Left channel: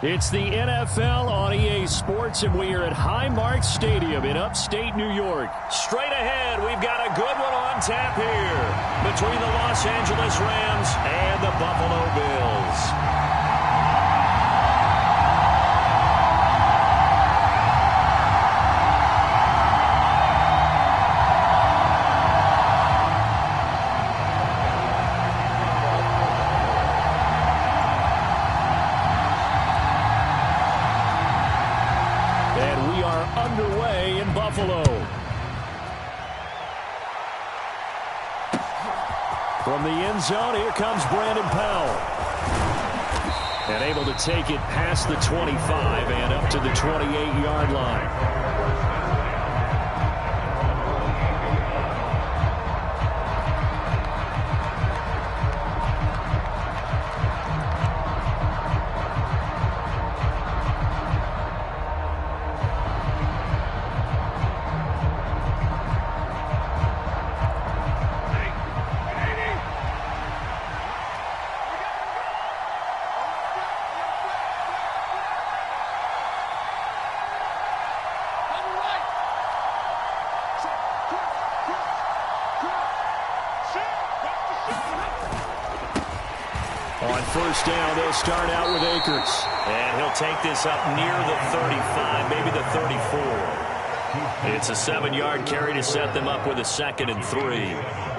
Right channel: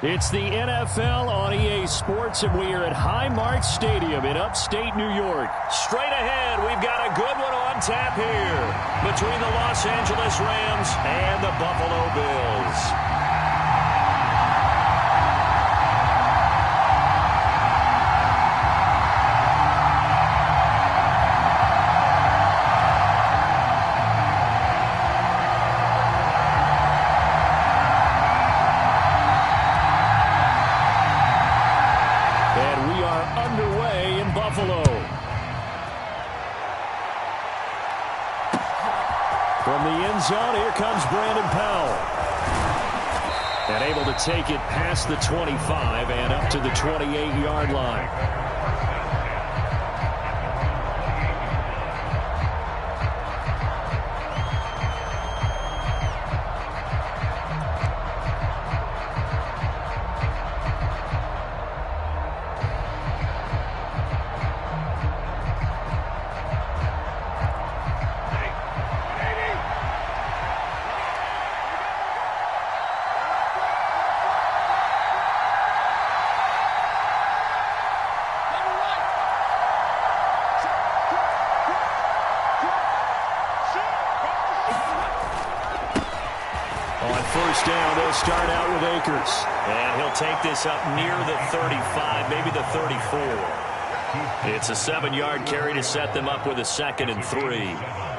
It's the NFL on EA Sports, and we are at Highmark Stadium in upstate New York. Straight ahead, we've got a good one on tap here between the Los Angeles Rams and the Buffalo Bills. And we are underway in Buffalo. From the end zone, here comes Brandon Powell. And able to take it past the 25 and up to the 28-yard line. On first down, they'll start out with Akers. And he'll take this up near the 35, maybe the 34. It's a 7-yard carry to set them up with a 2nd and 3.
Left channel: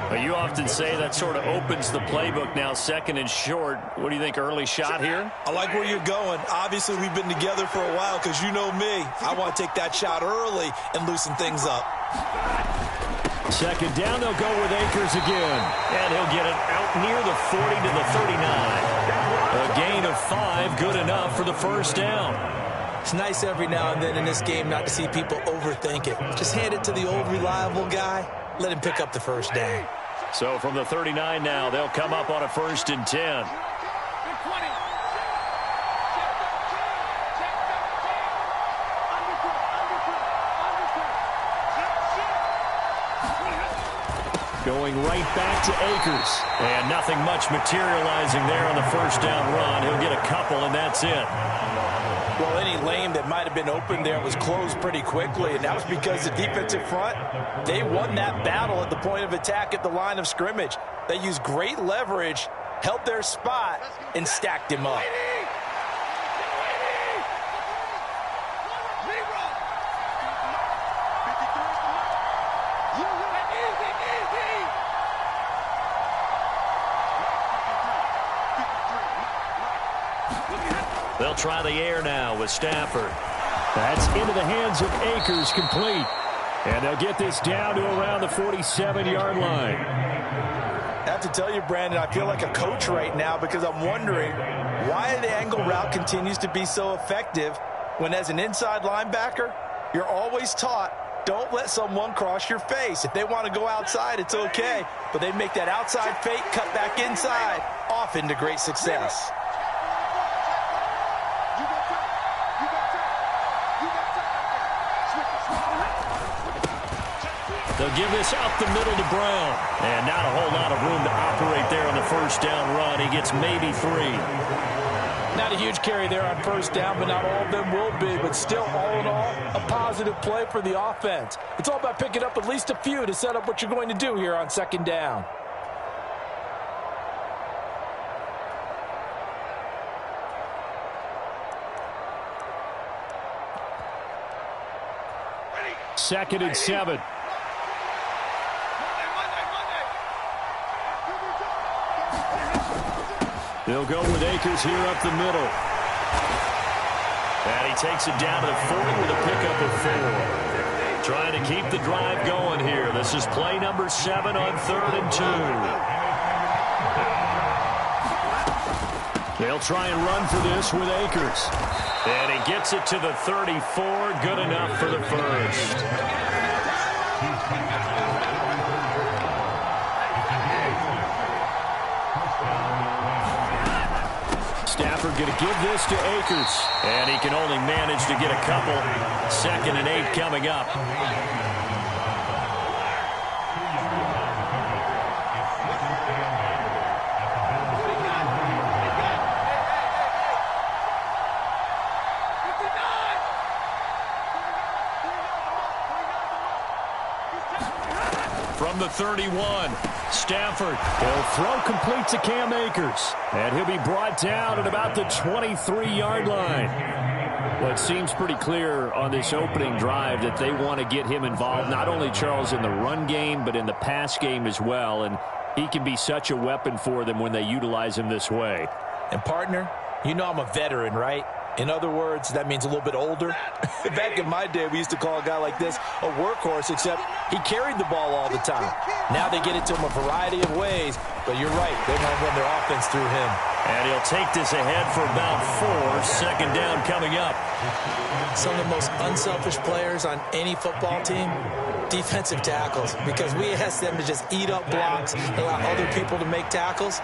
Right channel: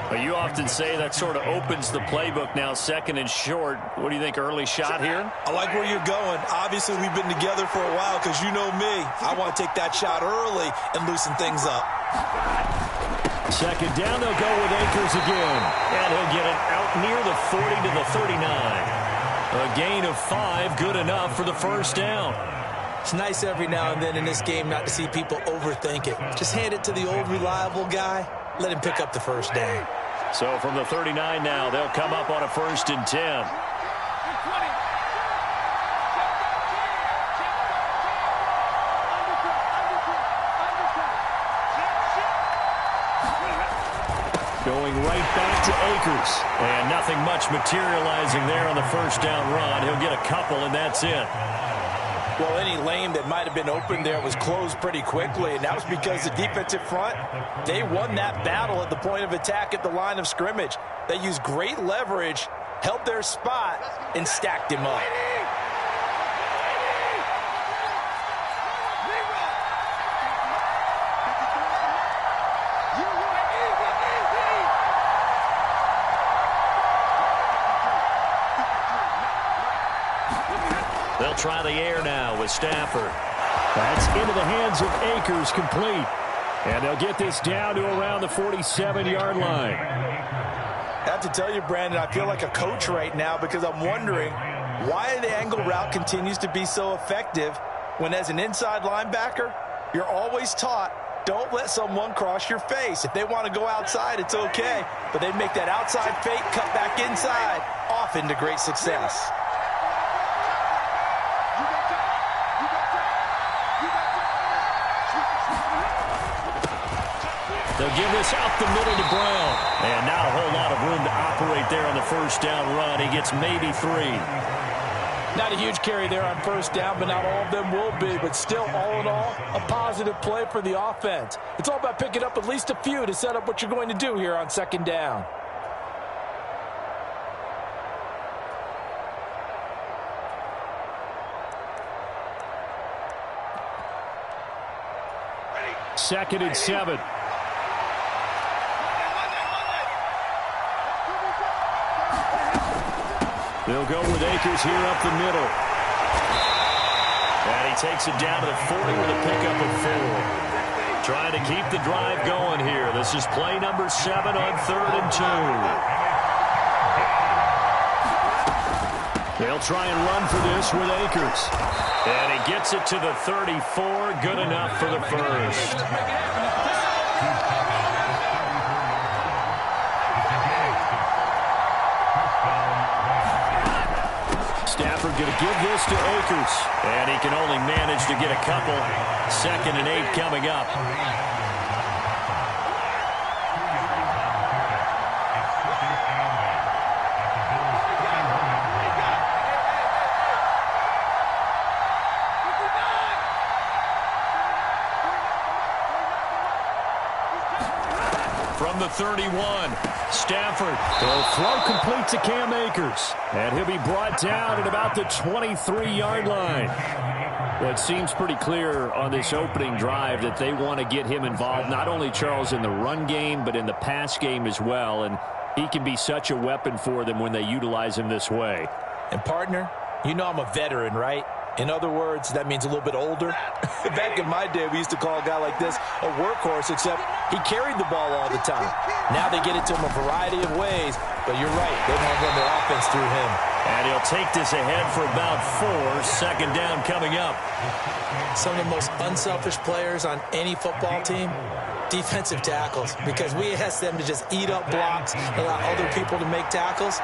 But you often say that sort of opens the playbook now, 2nd and short. What do you think, early shot here? I like where you're going. Obviously, we've been together for a while because you know me. I want to take that shot early and loosen things up. 2nd down, they'll go with Akers again. And he'll get it out near the 40 to the 39. A gain of 5, good enough for the first down. It's nice every now and then in this game not to see people overthink it. Just hand it to the old reliable guy. Let him pick up the first down. So from the 39 now, they'll come up on a 1st and 10. Going right back to Akers. And nothing much materializing there on the first down run. He'll get a couple, and that's it. Well, any lane that might have been open there was closed pretty quickly, and that was because the defensive front, they won that battle at the point of attack at the line of scrimmage. They used great leverage, held their spot, and stacked him up. They'll try the air now with Stafford. That's into the hands of Akers, complete. And they'll get this down to around the 47-yard line. I have to tell you, Brandon, I feel like a coach right now because I'm wondering why the angle route continues to be so effective when as an inside linebacker, you're always taught, don't let someone cross your face. If they want to go outside, it's okay. But they make that outside fake, cut back inside, often to great success. They'll give this up the middle to Brown. And not a whole lot of room to operate there on the first down run. He gets maybe 3. Not a huge carry there on first down, but not all of them will be. But still, all in all, a positive play for the offense. It's all about picking up at least a few to set up what you're going to do here on 2nd down. Second and 7. They'll go with Akers here up the middle. And he takes it down to the 40 with a pickup of 4. Trying to keep the drive going here. This is play number 7 on 3rd and 2. They'll try and run for this with Akers. And he gets it to the 34. Good enough for the first. Stafford going to give this to Akers. And he can only manage to get a couple. 2nd and 8 coming up. from the 31. Stafford will throw complete to Cam Akers. And he'll be brought down at about the 23-yard line. Well, it seems pretty clear on this opening drive that they want to get him involved, not only, Charles, in the run game, but in the pass game as well. And he can be such a weapon for them when they utilize him this way. And, partner, you know I'm a veteran, right? In other words, that means a little bit older. Back in my day, we used to call a guy like this a workhorse, except he carried the ball all the time. Now they get it to him a variety of ways, but you're right. They want to run their offense through him. And he'll take this ahead for about 4. Second down coming up. Some of the most unselfish players on any football team, defensive tackles, because we ask them to just eat up blocks, allow other people to make tackles.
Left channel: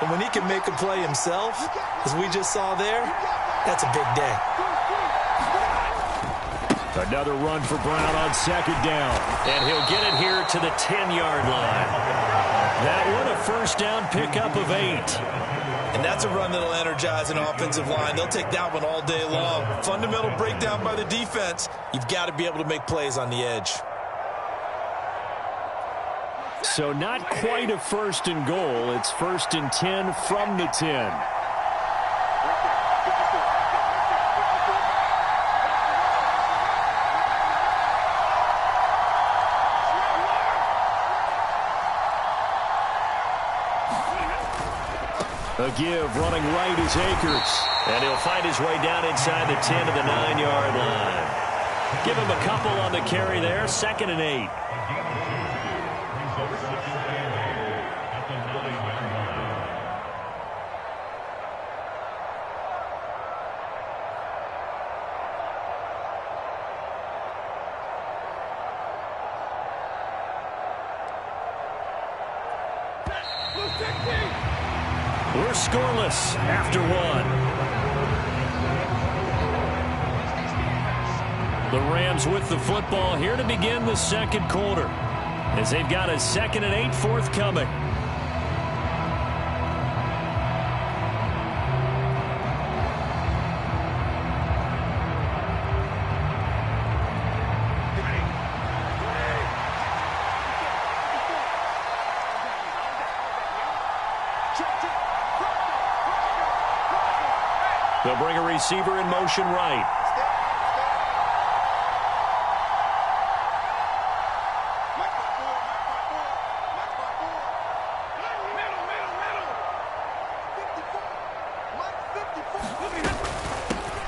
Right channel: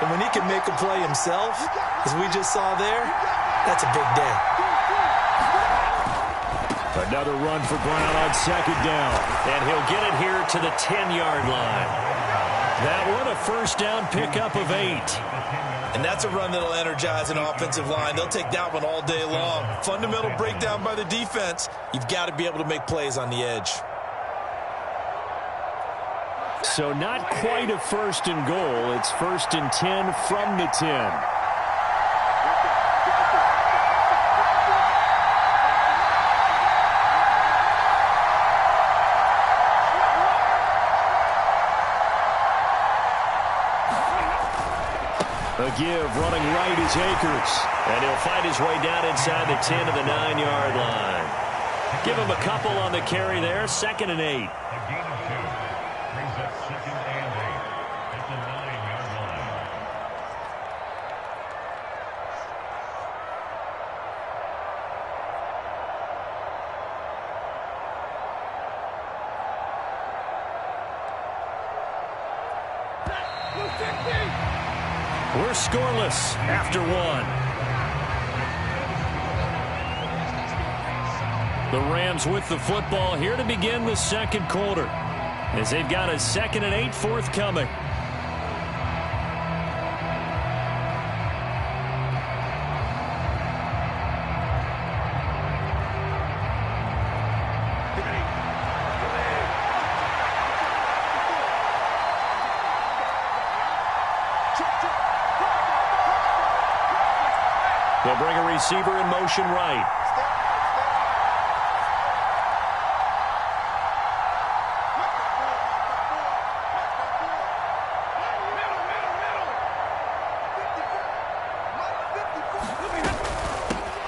And when he can make a play himself, as we just saw there, that's a big day. Another run for Brown on second down. And he'll get it here to the 10-yard line. That one, a first down pickup of 8. And that's a run that'll energize an offensive line. They'll take that one all day long. Fundamental breakdown by the defense. You've got to be able to make plays on the edge. So not quite a first and goal. It's first and 10 from the 10. A give running right is Akers. And he'll find his way down inside the 10 to the 9-yard line. Give him a couple on the carry there. Second and 8. We're scoreless after 1. The Rams with the football here to begin the second quarter, as they've got a 2nd and 8 forthcoming. They'll bring a receiver in motion right.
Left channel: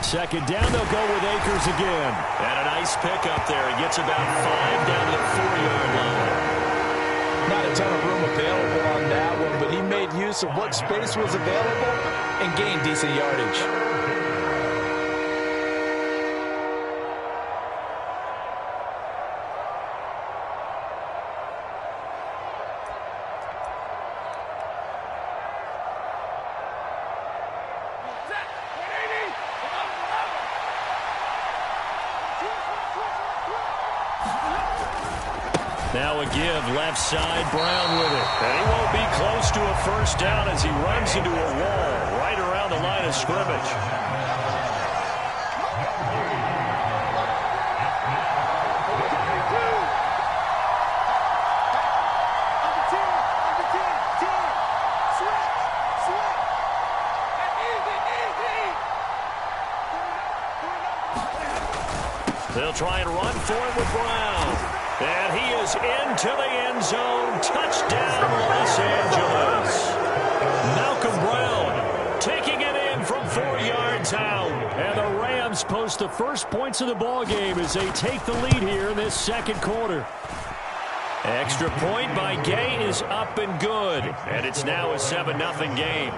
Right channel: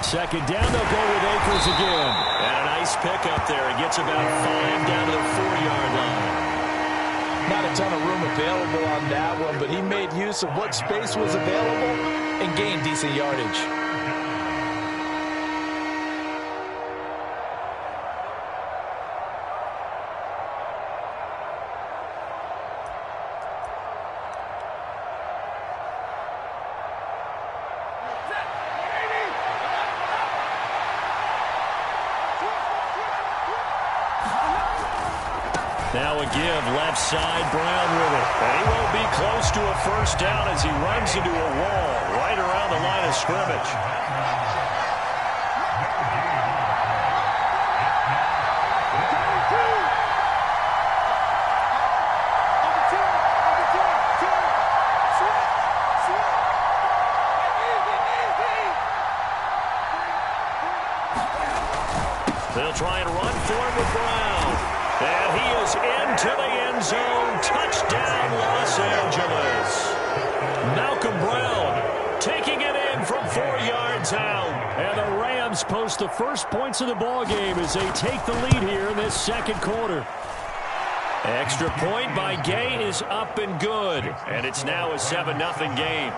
Second down, they'll go with Akers again. And a nice pickup there. He gets about 5 down to the 4-yard line. Not a ton of room available on that one, but he made use of what space was available and gained decent yardage. Now a give, left side, Brown with it. And he won't be close to a first down as he runs into a wall right around the line of scrimmage. They'll try and run for it with Brown. And he is into the end zone. Touchdown, Los Angeles. Malcolm Brown taking it in from 4 yards out. And the Rams post the first points of the ball game as they take the lead here in this second quarter. Extra point by Gay is up and good. And it's now a 7-0 game.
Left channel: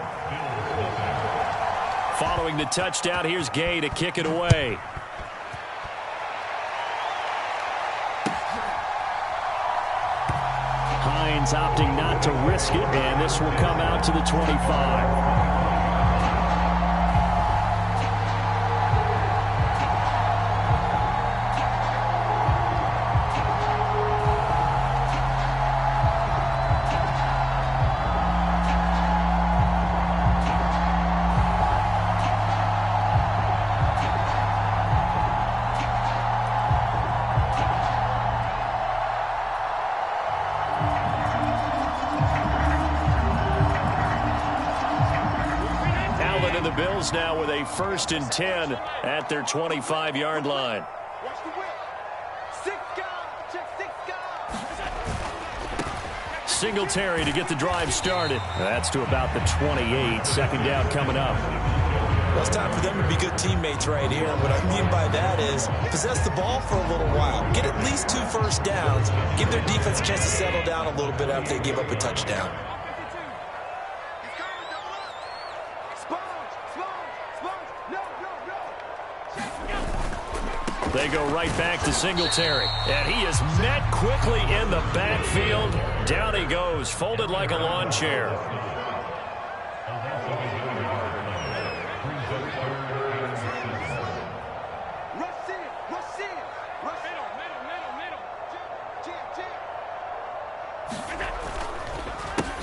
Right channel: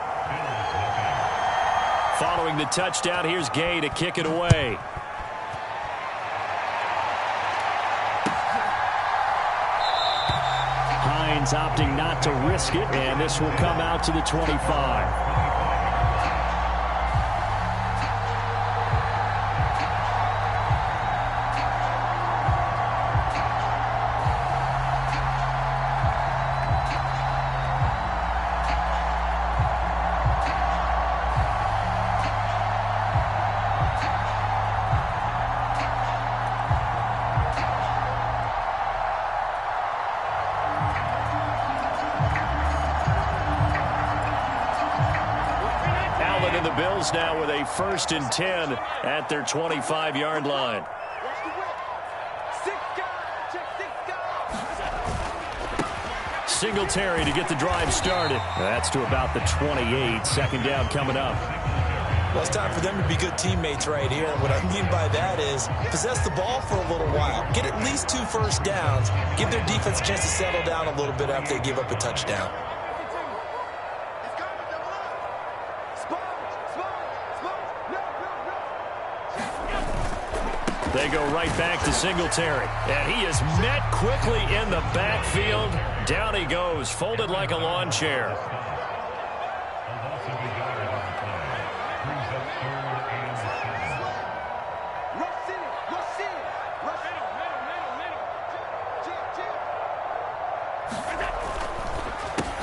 Following the touchdown, here's Gay to kick it away. Hines opting not to risk it, and this will come out to the 25. And the Bills now with a 1st and 10 at their 25-yard line. Watch the whip. 6 guys. Check 6 guys. Singletary to get the drive started. That's to about the 28. 2nd down coming up. Well, it's time for them to be good teammates right here. And what I mean by that is possess the ball for a little while. Get at least 2 first downs. Give their defense a chance to settle down a little bit after they give up a touchdown. They go right back to Singletary. And he is met quickly in the backfield. Down he goes, folded like a lawn chair.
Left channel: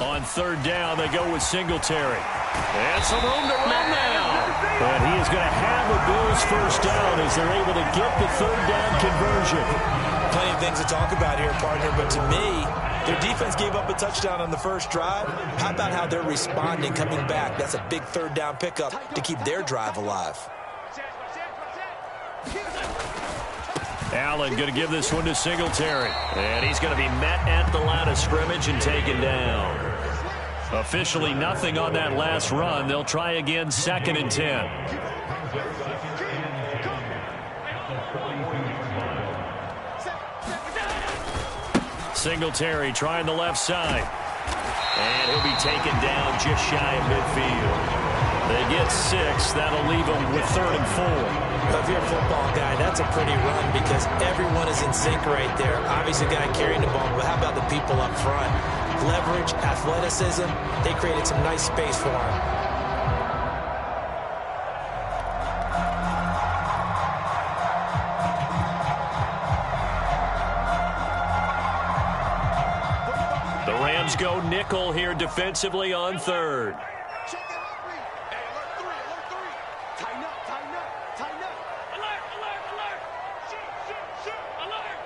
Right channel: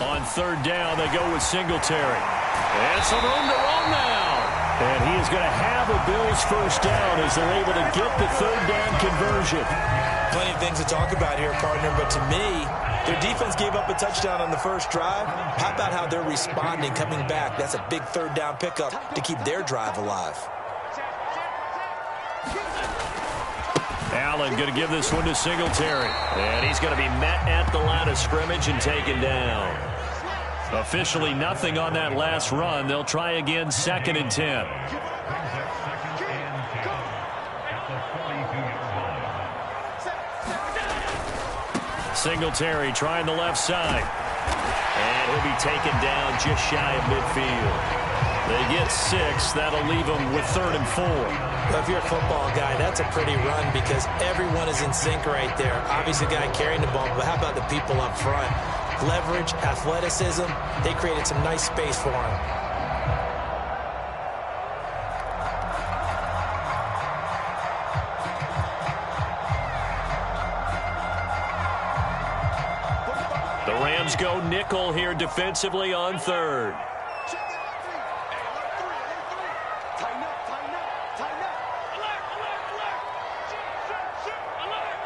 On 3rd down, they go with Singletary. And some room to run now. And he is going to have a Bills 1st down as they're able to get the 3rd down conversion. Plenty of things to talk about here, partner, but to me, their defense gave up a touchdown on the first drive. How about how they're responding, coming back? That's a big 3rd down pickup to keep their drive alive. Allen going to give this one to Singletary. And he's going to be met at the line of scrimmage and taken down. Officially nothing on that last run. They'll try again, 2nd and 10. Singletary trying the left side. And he'll be taken down just shy of midfield. They get 6. That'll leave them with 3rd and 4. Well, if you're a football guy, that's a pretty run because everyone is in sync right there. Obviously, the guy carrying the ball, but how about the people up front? Leverage, athleticism, they created some nice space for him. The Rams go nickel here defensively on 3rd. Check it out, 3. Hey, alert 3, alert 3. Tighten up, tighten up, tighten up. Alert, alert, alert. Shoot, shoot, shoot, alert.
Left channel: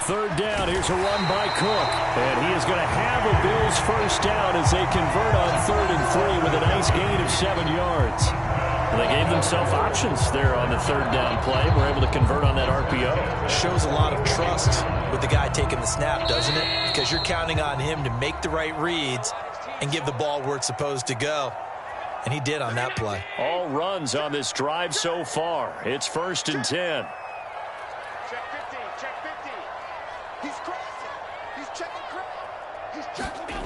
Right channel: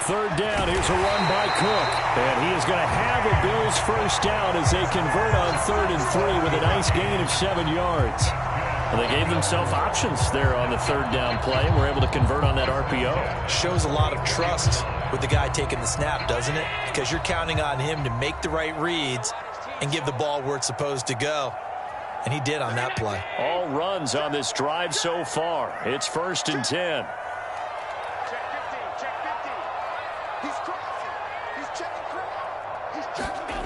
3rd down, here's a run by Cook. And he is going to have a Bills 1st down as they convert on 3rd and 3 with a nice gain of 7 yards. Well, they gave themselves options there on the 3rd down play and were able to convert on that RPO. Shows a lot of trust with the guy taking the snap, doesn't it? Because you're counting on him to make the right reads and give the ball where it's supposed to go. And he did on that play. All runs on this drive so far. It's 1st and 10. Check 50, check 50. He's crossing. He's checking crowd. He's checking.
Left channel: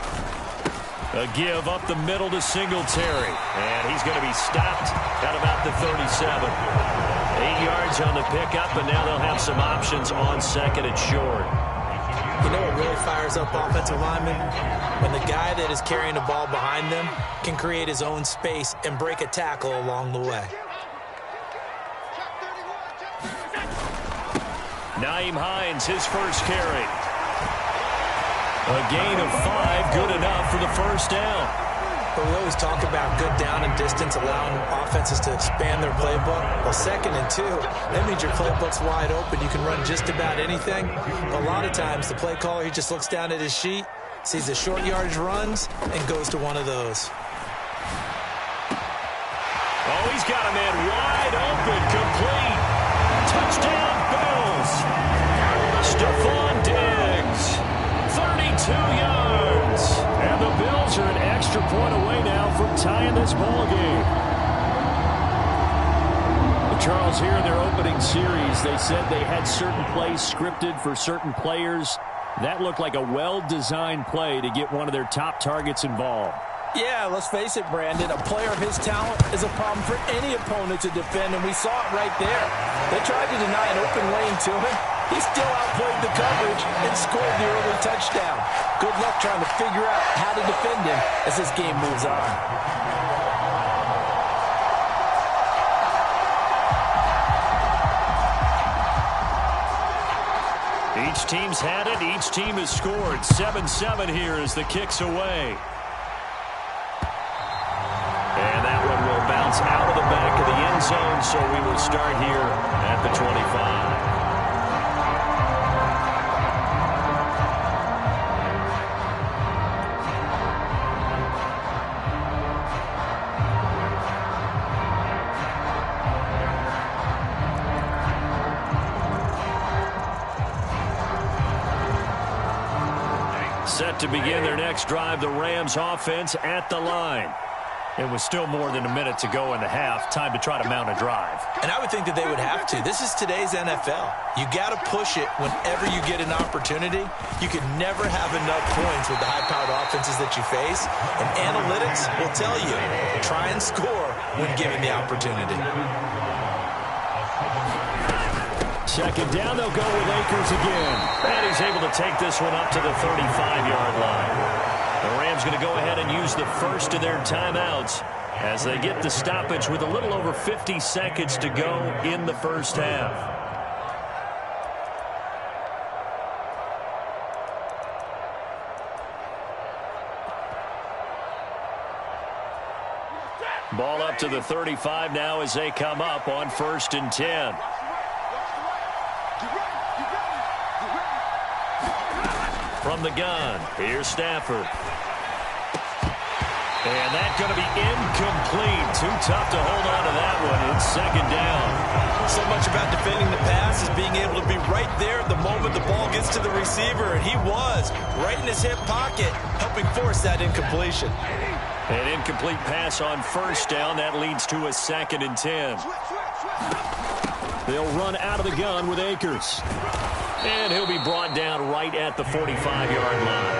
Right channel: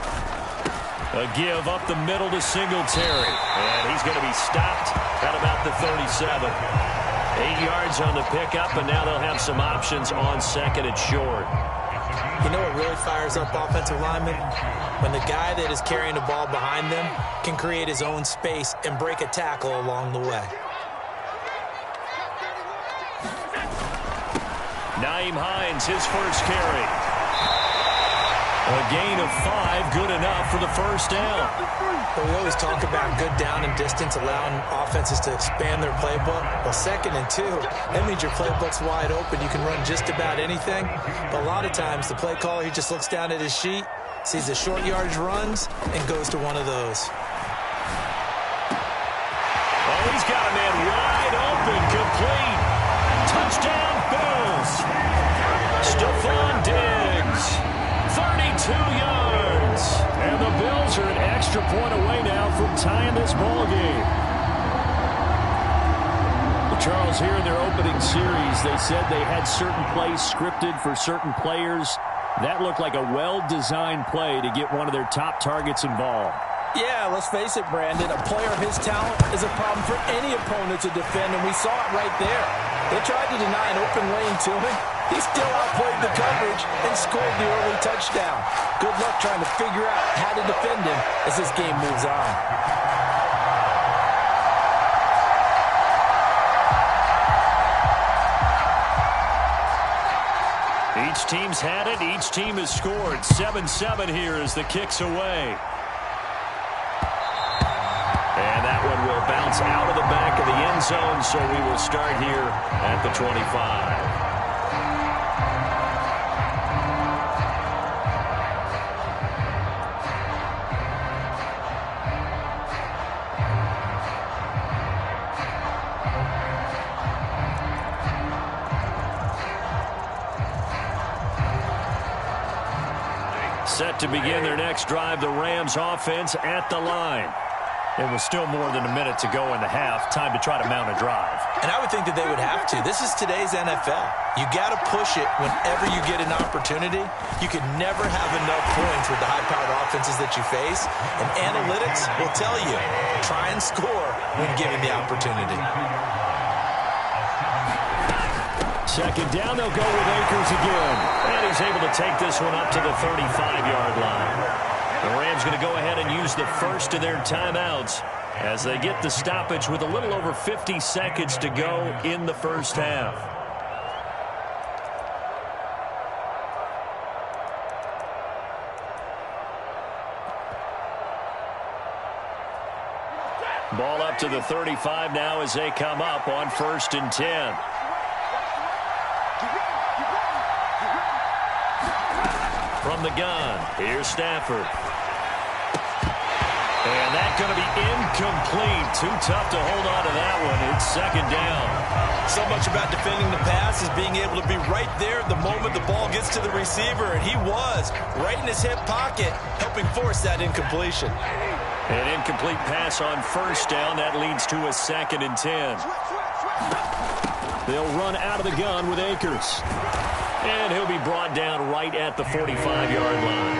A give up the middle to Singletary. And he's going to be stopped at about the 37. 8 yards on the pickup, and now they'll have some options on 2nd and short. You know what really fires up offensive linemen? When the guy that is carrying the ball behind them can create his own space and break a tackle along the way. Nyheim Hines, his first carry. A gain of 5, good enough for the 1st down. But we always talk about good down and distance, allowing offenses to expand their playbook. Well, 2nd and 2, that means your playbook's wide open. You can run just about anything. But a lot of times, the play caller, he just looks down at his sheet, sees the short yardage runs, and goes to one of those. Oh, he's got a man wide open, complete. Touchdown, Bills. Stephon Diggs. 32 yards. And the Bills are an extra point away now from tying this ball game. Charles, here in their opening series, they said they had certain plays scripted for certain players. That looked like a well-designed play to get one of their top targets involved. Yeah, let's face it, Brandon. A player of his talent is a problem for any opponent to defend, and we saw it right there. They tried to deny an open lane to him. He still outplayed the coverage and scored the early touchdown. Good luck trying to figure out how to defend him as this game moves on. Each team's had it. Each team has scored. 7-7 here as the kick's away. And that one will bounce out of the back of the end zone, so we will start here at the 25. Set to begin their next drive, the Rams offense at the line. It was still more than a minute to go in the half. Time to try to mount a drive. And I would think that they would have to. This is today's NFL. You got to push it whenever you get an opportunity. You can never have enough points with the high-powered offenses that you face. And analytics will tell you, try and score when given the opportunity. Second down, they'll go with Akers again. And he's able to take this one up to the 35-yard line. The Rams going to go ahead and use the first of their timeouts as they get the stoppage with a little over 50 seconds to go in the first half. Ball up to the 35 now as they come up on 1st and 10. From the gun, here's Stafford. And that's going to be incomplete. Too tough to hold on to that one. It's second down. So much about defending the pass is being able to be right there at the moment the ball gets to the receiver. And he was right in his hip pocket, helping force that incompletion. An incomplete pass on 1st down. That leads to a 2nd and 10. They'll run out of the gun with Akers. And he'll be brought down right at the 45-yard line.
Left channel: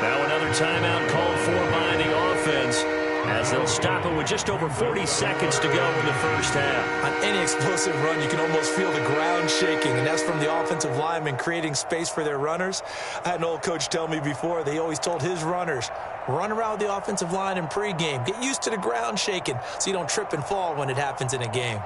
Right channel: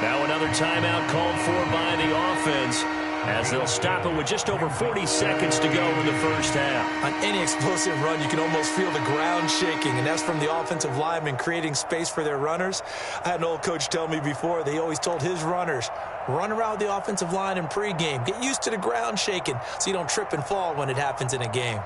Now another timeout called for by the offense as they'll stop it with just over 40 seconds to go in the first half. On any explosive run, you can almost feel the ground shaking, and that's from the offensive linemen creating space for their runners. I had an old coach tell me before, they always told his runners, run around the offensive line in pregame. Get used to the ground shaking so you don't trip and fall when it happens in a game.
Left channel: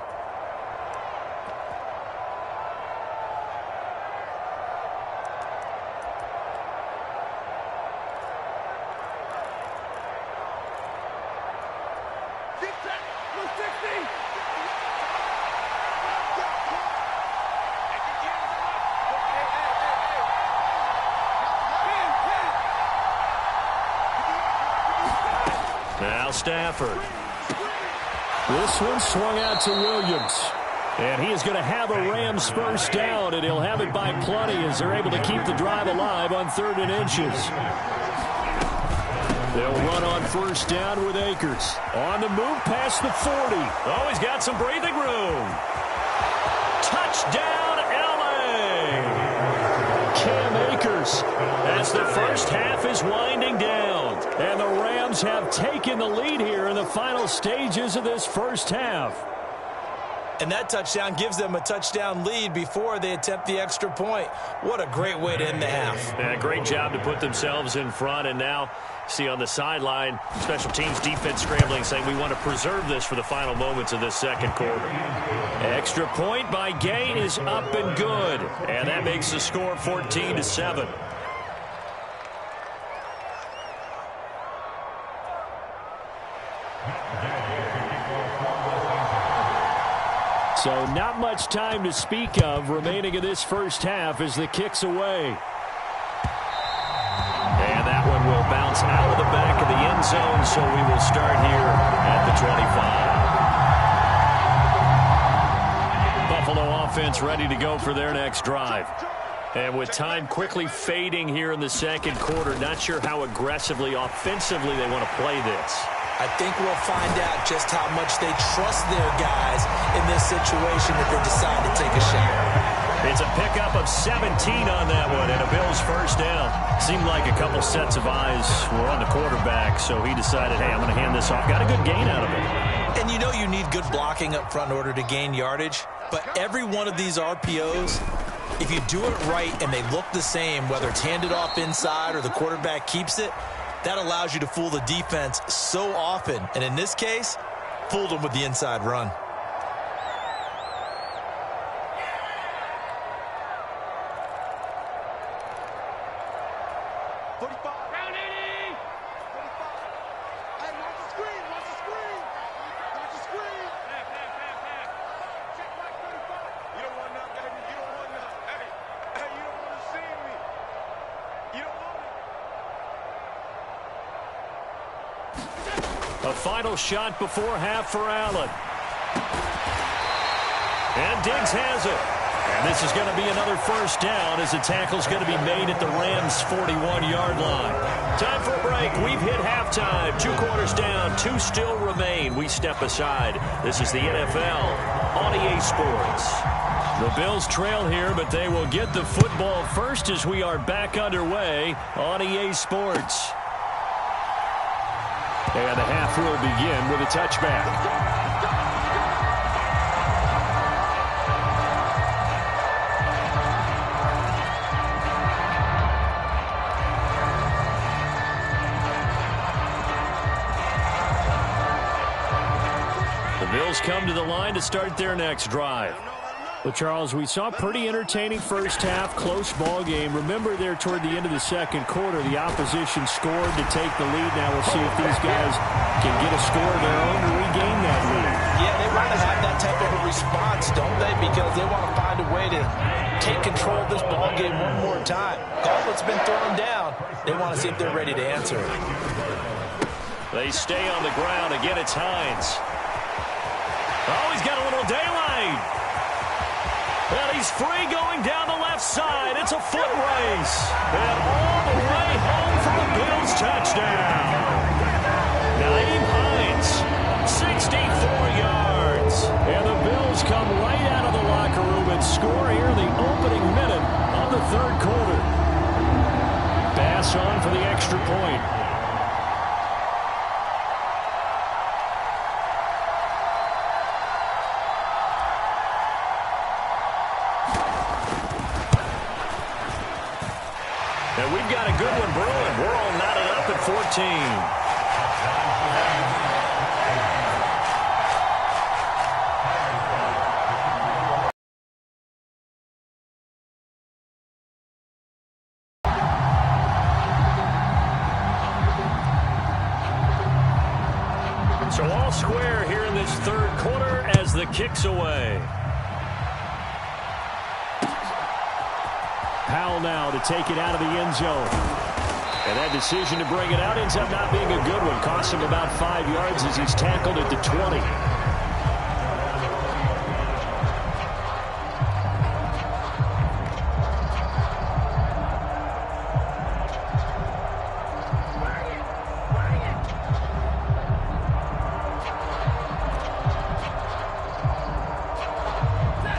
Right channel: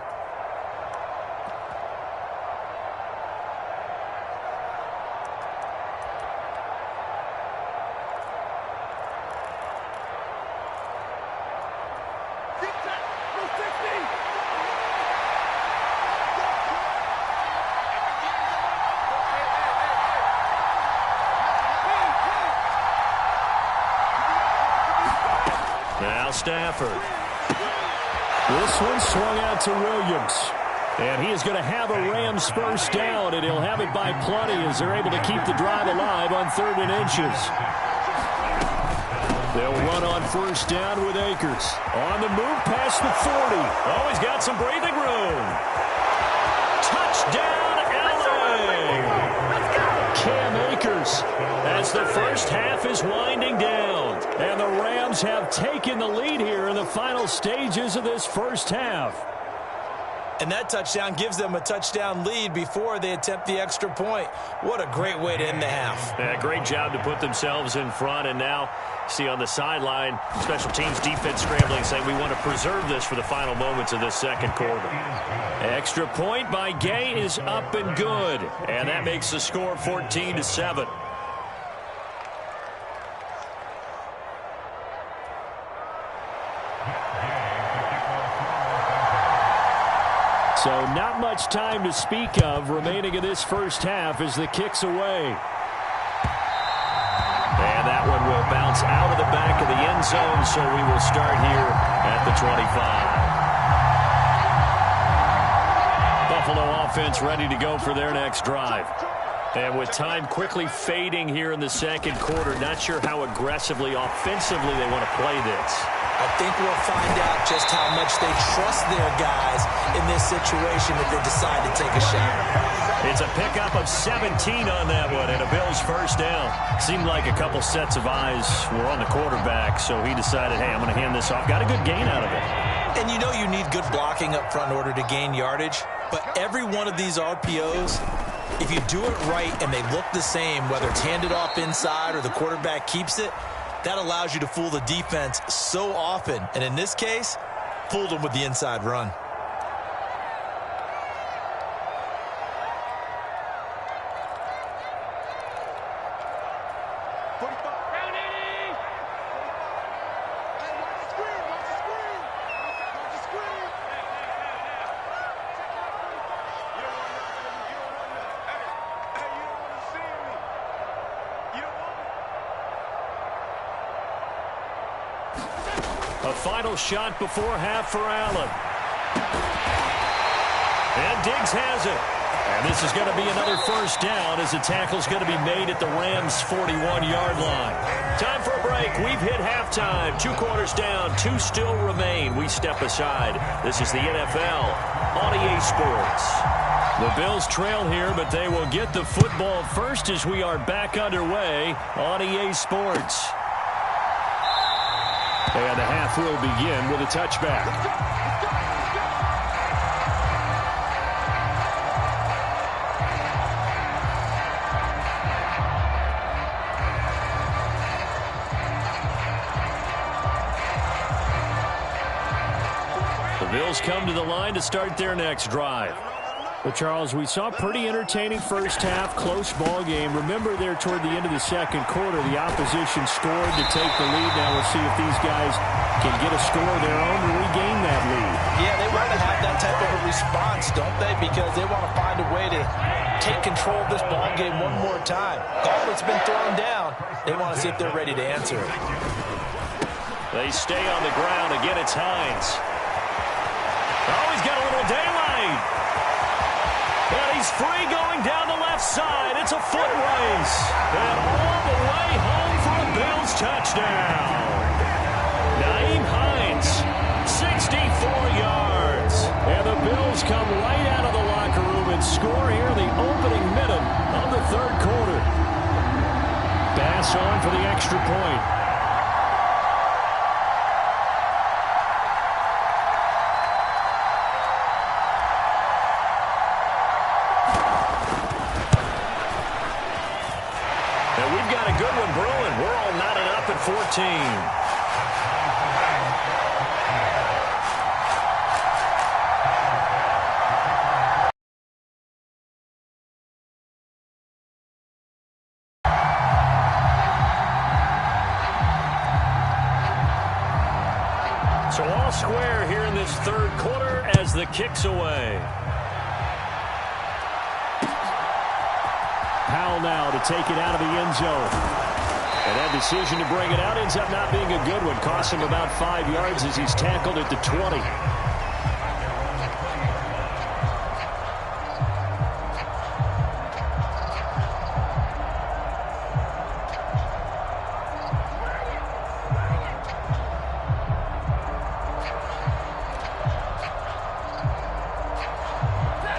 Now Stafford. This one swung out to Williams. And he is going to have a Rams first down, and he'll have it by plenty as they're able to keep the drive alive on 3rd and inches. They'll run on 1st down with Akers. On the move past the 40. Oh, he's got some breathing room. Touchdown, LA! Cam Akers as the first half is winding down. And the Rams have taken the lead here in the final stages of this first half. And that touchdown gives them a touchdown lead before they attempt the extra point. What a great way to end the half. Yeah, great job to put themselves in front. And now, see on the sideline, special teams defense scrambling, saying we want to preserve this for the final moments of this second quarter. Extra point by Gay is up and good. And that makes the score 14-7. So not much time to speak of remaining in this first half as the kick's away. And that one will bounce out of the back of the end zone, so we will start here at the 25. Buffalo offense ready to go for their next drive. And with time quickly fading here in the second quarter, not sure how aggressively, offensively they want to play this. I think we'll find out just how much they trust their guys in this situation if they decide to take a shot. It's a pickup of 17 on that one and a Bills first down. Seemed like a couple sets of eyes were on the quarterback, so he decided, hey, I'm going to hand this off. Got a good gain out of it. And you know you need good blocking up front in order to gain yardage, but every one of these RPOs, if you do it right and they look the same, whether it's handed off inside or the quarterback keeps it, that allows you to fool the defense so often. And in this case, fooled them with the inside run. A final shot before half for Allen. And Diggs has it. And this is going to be another first down as the tackle's going to be made at the Rams' 41-yard line. Time for a break. We've hit halftime. 2 quarters down. 2 still remain. We step aside. This is the NFL on EA Sports. The Bills trail here, but they will get the football first as we are back underway on EA Sports. And the half will begin with a touchback. The Bills come to the line to start their next drive. Well, Charles, we saw a pretty entertaining first half, close ball game. Remember there toward the end of the second quarter, the opposition scored to take the lead. Now we'll see if these guys can get a score of their own to regain that lead. Yeah, they want to have that type of a response, don't they? Because they want to find a way to take control of this ball game one more time. Gauntlet's been thrown down. They want to see if they're ready to answer it. They stay on the ground. Again, it's Hines. Oh, he's got a little daylight. And he's free going down the left side. It's a foot race. And all the way home for a Bills touchdown. Nyheim Hines, 64 yards. And the Bills come right out of the locker room and score here in the opening minute of the third quarter. Bass on for the extra point. And we've got a good one brewing. We're all knotted up at 14. So all square here in this third quarter as the kick's away. Powell now to take it out of the end zone. And that decision to bring it out ends up not being a good one. Costs him about 5 yards as he's tackled at the 20.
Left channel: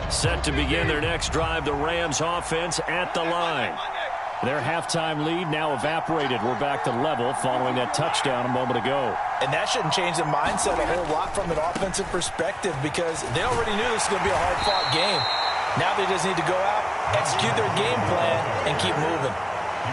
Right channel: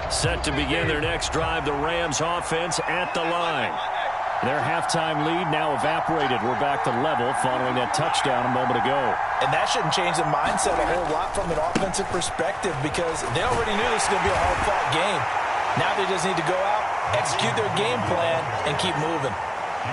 Set to begin their next drive, the Rams offense at the line. Their halftime lead now evaporated. We're back to level following that touchdown a moment ago. And that shouldn't change the mindset a whole lot from an offensive perspective because they already knew this was going to be a hard-fought game. Now they just need to go out, execute their game plan, and keep moving.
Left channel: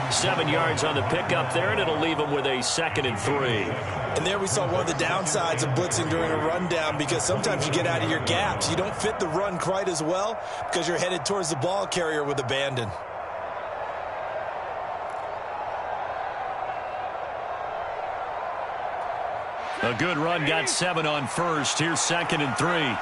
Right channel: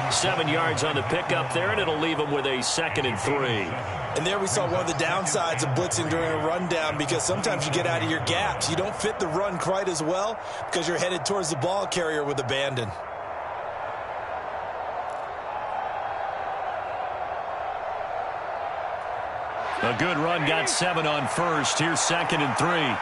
7 yards on the pickup there, and it'll leave them with a 2nd and 3. And there we saw one of the downsides of blitzing during a rundown because sometimes you get out of your gaps. You don't fit the run quite as well because you're headed towards the ball carrier with abandon. A good run, got 7 on first. Here's 2nd and 3.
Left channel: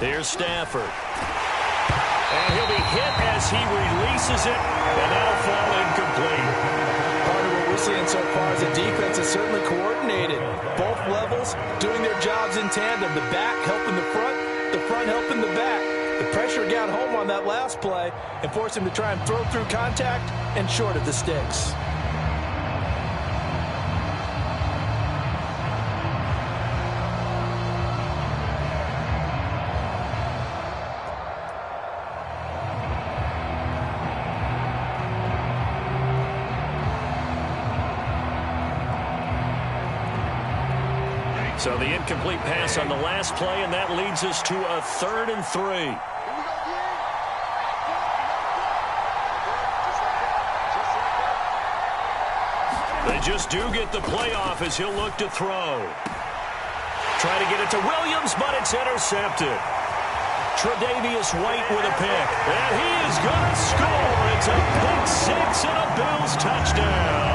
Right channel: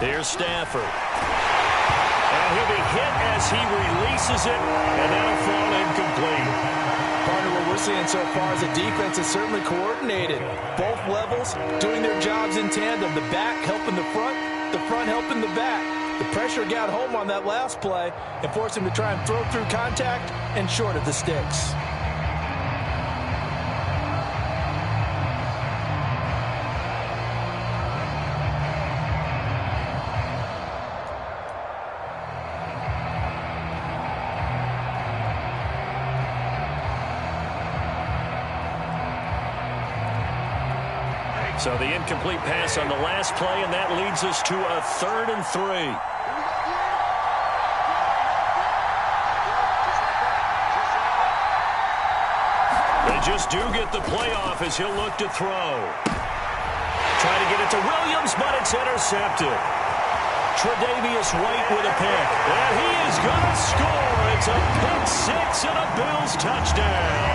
Here's Stafford. And he'll be hit as he releases it, and that'll fall incomplete. Partner, what we're seeing so far is the defense is certainly coordinated. Both levels doing their jobs in tandem. The back helping the front helping the back. The pressure got home on that last play and forced him to try and throw through contact and short of the sticks. So the incomplete pass on the last play, and that leads us to a 3rd and 3. They just do get the playoff as he'll look to throw. Trying to get it to Williams, but it's intercepted. Tre'Davious White with a pick, and he is going to score. It's a pick 6 and a Bills touchdown.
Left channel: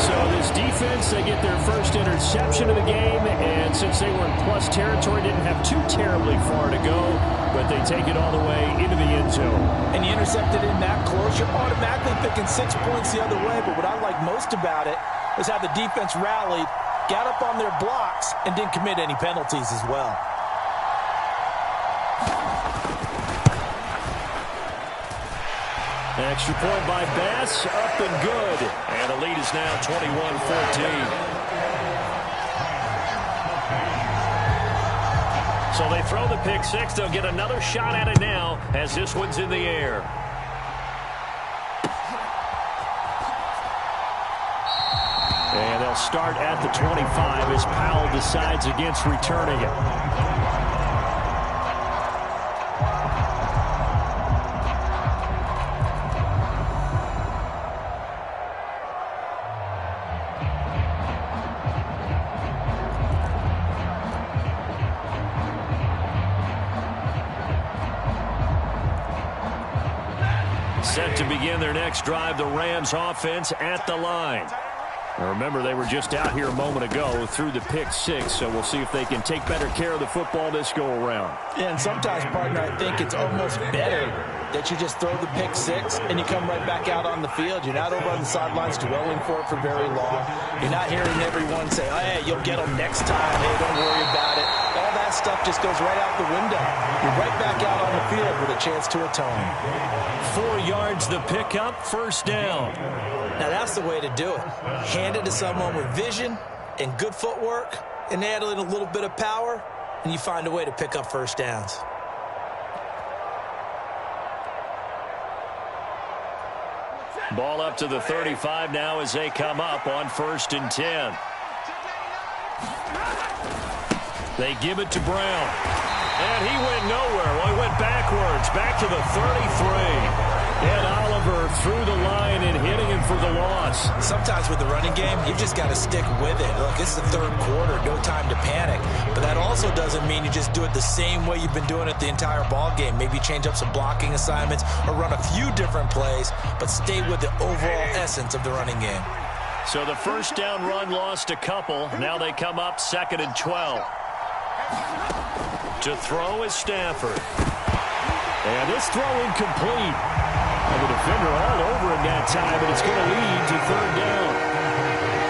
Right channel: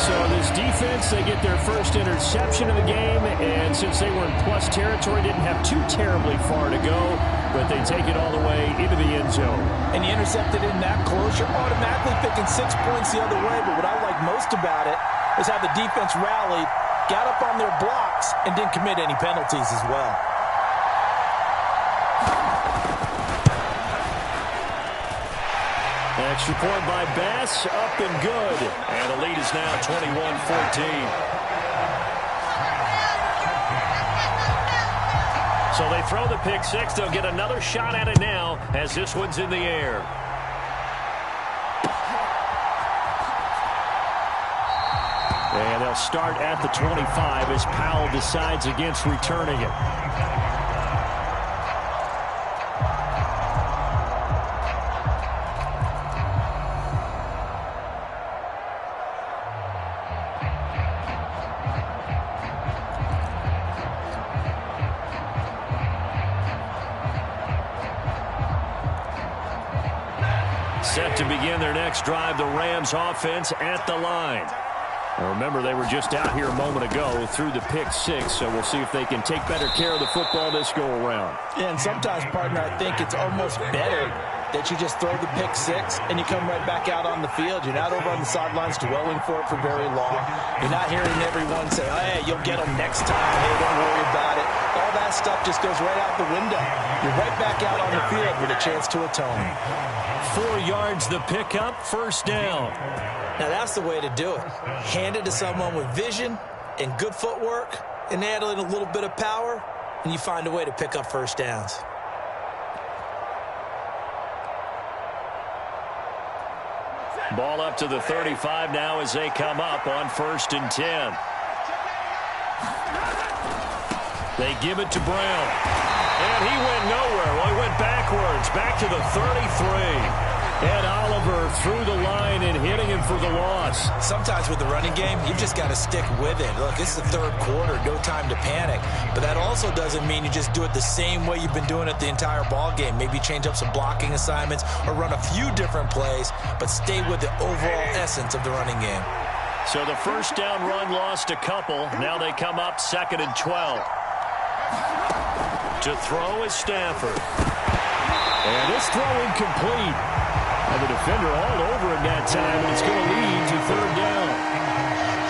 So this defense, they get their first interception of the game, and since they were in plus territory, didn't have too terribly far to go, but they take it all the way into the end zone. And you intercepted in that close, you're automatically picking 6 points the other way, but what I like most about it is how the defense rallied, got up on their blocks, and didn't commit any penalties as well. Extra point by Bass, up and good. And the lead is now 21-14. So they throw the pick six. They'll get another shot at it now as this one's in the air. And they'll start at the 25 as Powell decides against returning it. Set to begin their next drive, the Rams offense at the line. Now remember, they were just out here a moment ago through the pick six, so we'll see if they can take better care of the football this go around. Yeah, and sometimes, partner, I think it's almost better that you just throw the pick six and you come right back out on the field. You're not over on the sidelines dwelling for it for very long. You're not hearing everyone say, oh, hey, you'll get them next time. Hey, don't worry about it. All that stuff just goes right out the window. You're right back out on the field with a chance to atone. 4 yards the pickup, first down. Now that's the way to do it. Hand it to someone with vision and good footwork and add in a little bit of power, and you find a way to pick up first downs. Ball up to the 35 now as they come up on 1st and 10. They give it to Brown. And he went nowhere. Well, he went backwards, back to the 33. And Oliver through the line and hitting him for the loss. Sometimes with the running game, you've just got to stick with it. Look, it's the 3rd quarter, no time to panic. But that also doesn't mean you just do it the same way you've been doing it the entire ball game. Maybe change up some blocking assignments or run a few different plays, but stay with the overall essence of the running game. So the first down run lost a couple. Now they come up 2nd and 12. To throw is Stafford. And this throw incomplete. And the defender all over him that time, and it's going to lead to 3rd down.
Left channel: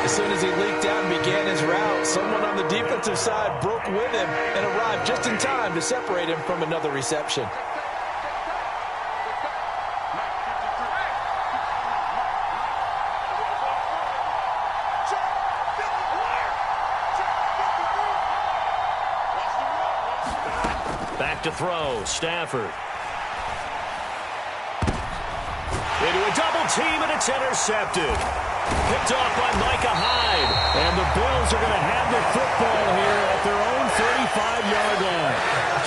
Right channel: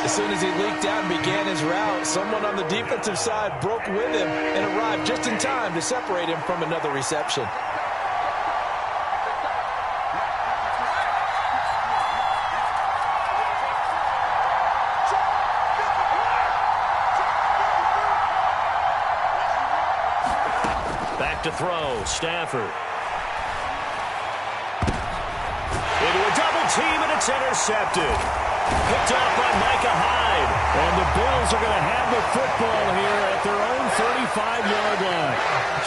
As soon as he leaked out and began his route, someone on the defensive side broke with him and arrived just in time to separate him from another reception. Back to throw, Stafford. Into a double team, and it's intercepted. Picked off by Micah Hyde. And the Bills are going to have the football here at their own 35-yard line.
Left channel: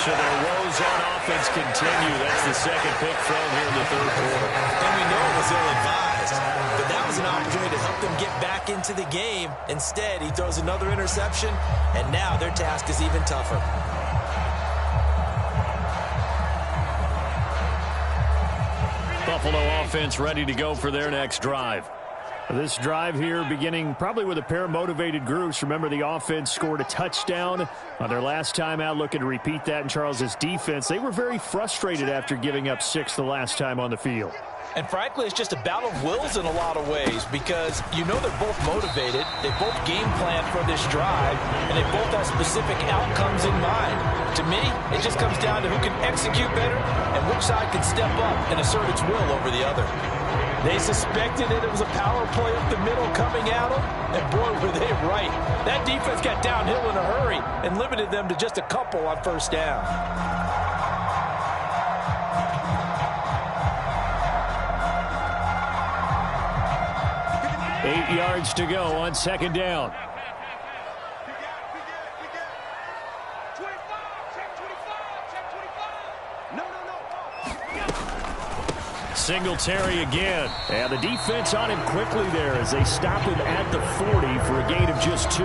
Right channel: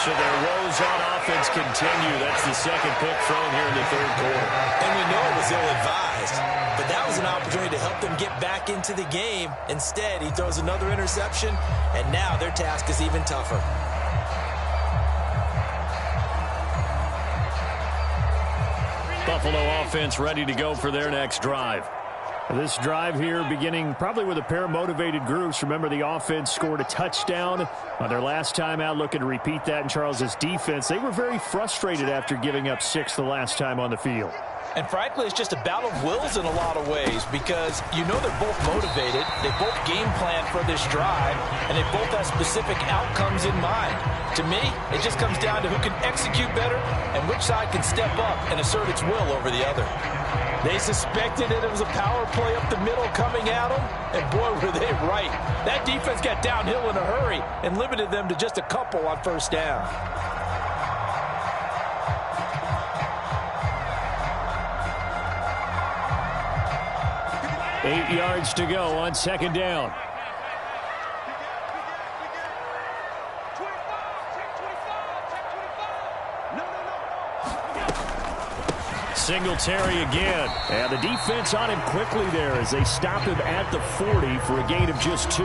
So their woes on offense continue. That's the 2nd pick thrown here in the 3rd quarter. And we know it was ill-advised, but that was an opportunity to help them get back into the game. Instead, he throws another interception, and now their task is even tougher. Buffalo offense ready to go for their next drive. This drive here beginning probably with a pair of motivated groups. Remember, the offense scored a touchdown on their last time out, looking to repeat that in Charles's defense. They were very frustrated after giving up 6 the last time on the field. And frankly, it's just a battle of wills in a lot of ways because you know they're both motivated, they both game plan for this drive, and they both have specific outcomes in mind. To me, it just comes down to who can execute better and which side can step up and assert its will over the other. They suspected that it was a power play up the middle coming at them, and boy, were they right. That defense got downhill in a hurry and limited them to just a couple on 1st down. Eight yards to go on 2nd down. Singletary again. And the defense on him quickly there as they stop him at the 40 for a gain of just 2.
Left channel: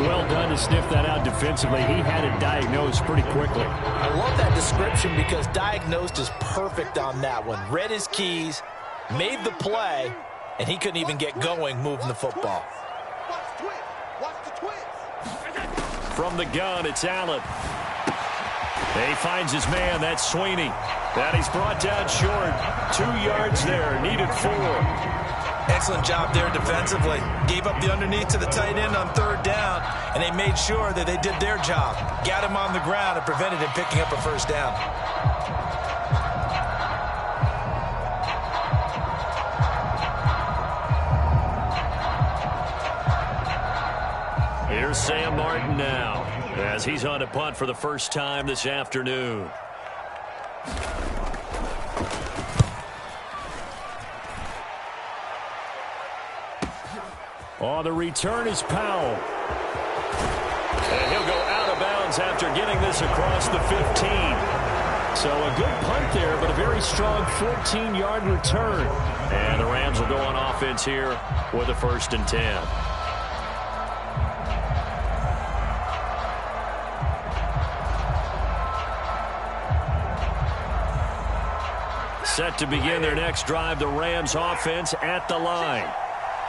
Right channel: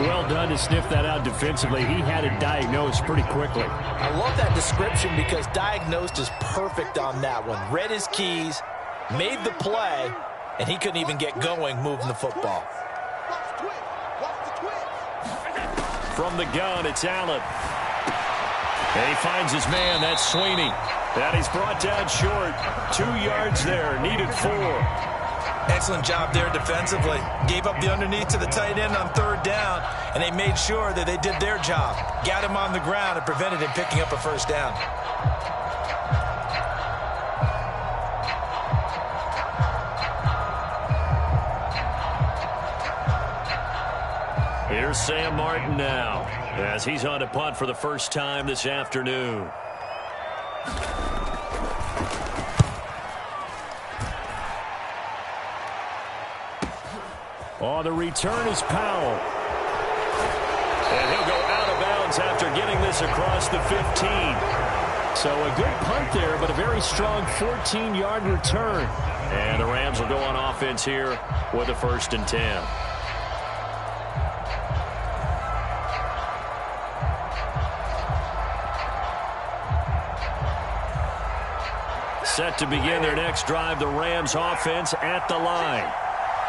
Well done to sniff that out defensively. He had it diagnosed pretty quickly. I love that description because diagnosed is perfect on that one. Read his keys, made the play, and he couldn't even get going moving the football. Watch the twist. Watch the twist. From the gun, it's Allen. He finds his man. That's Sweeney. That he's brought down short. 2 yards there. Needed 4. Excellent job there defensively. Gave up the underneath to the tight end on 3rd down, and they made sure that they did their job. Got him on the ground and prevented him picking up a 1st down. Here's Sam Martin now, as he's on to punt for the first time this afternoon. On the return is Powell. And he'll go out of bounds after getting this across the 15. So a good punt there, but a very strong 14-yard return. And the Rams will go on offense here with a 1st and 10. Set to begin their next drive, the Rams offense at the line.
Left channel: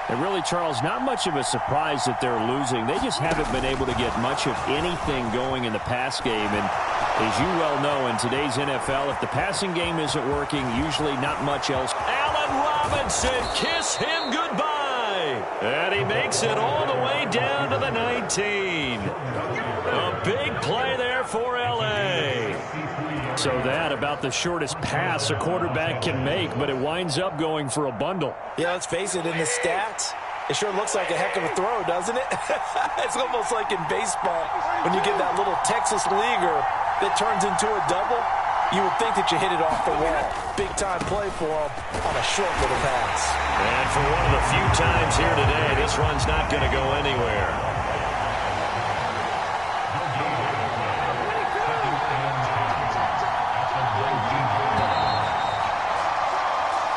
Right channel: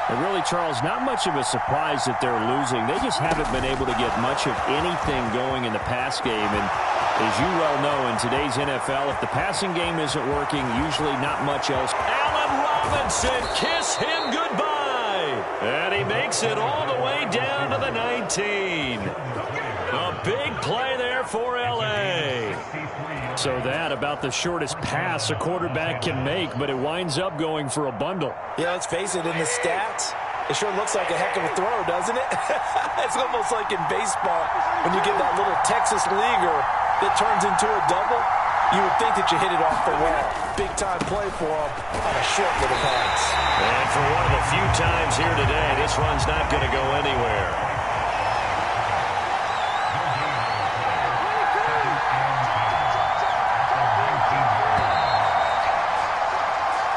And really, Charles, not much of a surprise that they're losing. They just haven't been able to get much of anything going in the pass game. And as you well know, in today's NFL, if the passing game isn't working, usually not much else. Allen Robinson, kiss him goodbye. And he makes it all the way down to the 19. A big play there for L.A. So that about the shortest pass a quarterback can make, but it winds up going for a bundle. Yeah, let's face it, in the stats, it sure looks like a heck of a throw, doesn't it? It's almost like in baseball when you get that little Texas leaguer that turns into a double. You would think that you hit it off the wall. Big-time play for him on a short little pass. And for one of the few times here today, this run's not going to go anywhere.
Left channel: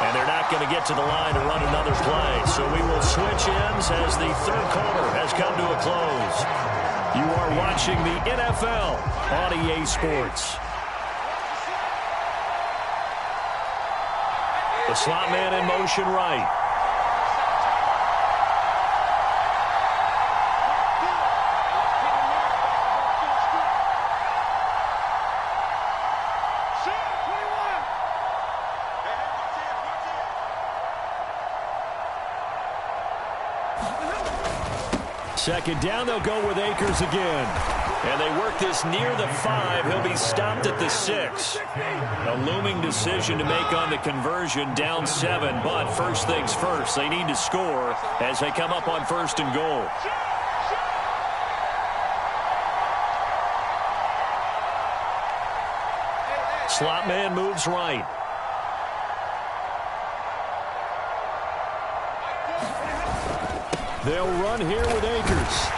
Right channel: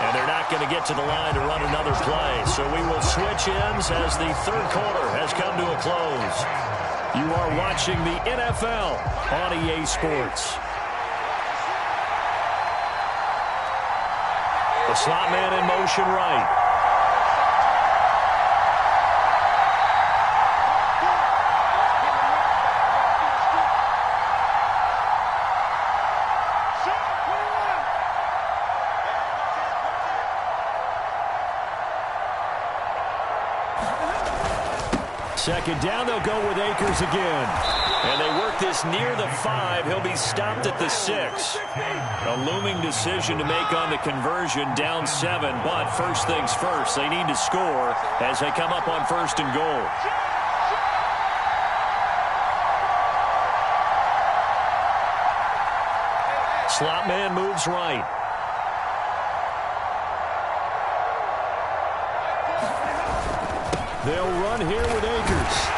And they're not going to get to the line to run another play. So we will switch ends as the 3rd quarter has come to a close. You are watching the NFL on EA Sports. The slot man in motion right. Second down, they'll go with Akers again. And they work this near the 5. He'll be stopped at the 6. A looming decision to make on the conversion, down 7. But first things first, they need to score as they come up on 1st and goal. Slot man moves right. They'll run here with Akers.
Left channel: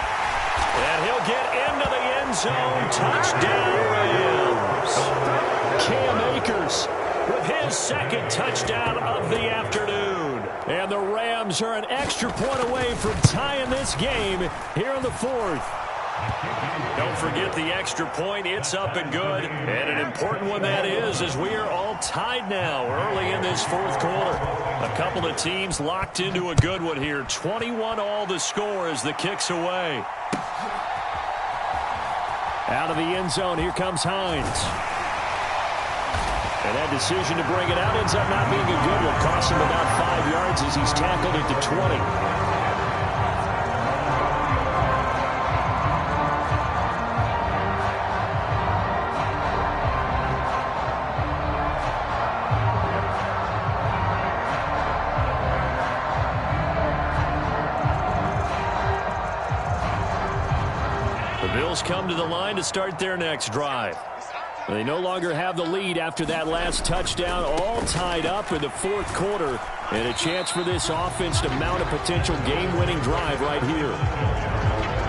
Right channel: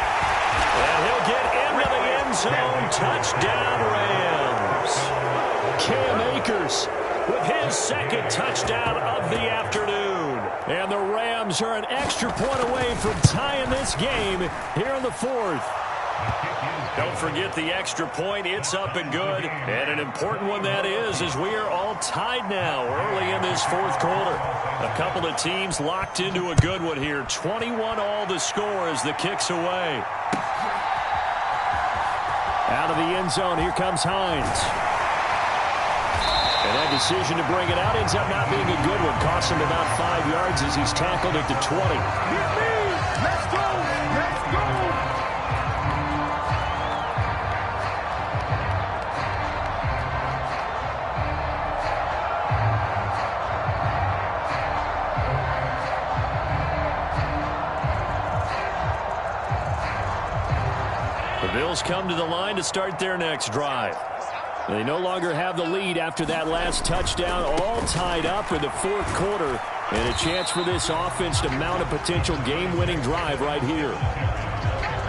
And he'll get into the end zone. Touchdown, Rams. Cam Akers with his 2nd touchdown of the afternoon. And the Rams are an extra point away from tying this game here in the 4th. Don't forget the extra point. It's up and good. And an important one that is, as we are all tied now early in this 4th quarter. A couple of teams locked into a good one here. 21 all the score as the kick's away. Out of the end zone, here comes Hines. And that decision to bring it out ends up not being a good one. Costs him about 5 yards as he's tackled at the 20. The Bills come to the line to start their next drive. They no longer have the lead after that last touchdown, all tied up in the 4th quarter, and a chance for this offense to mount a potential game-winning drive right here.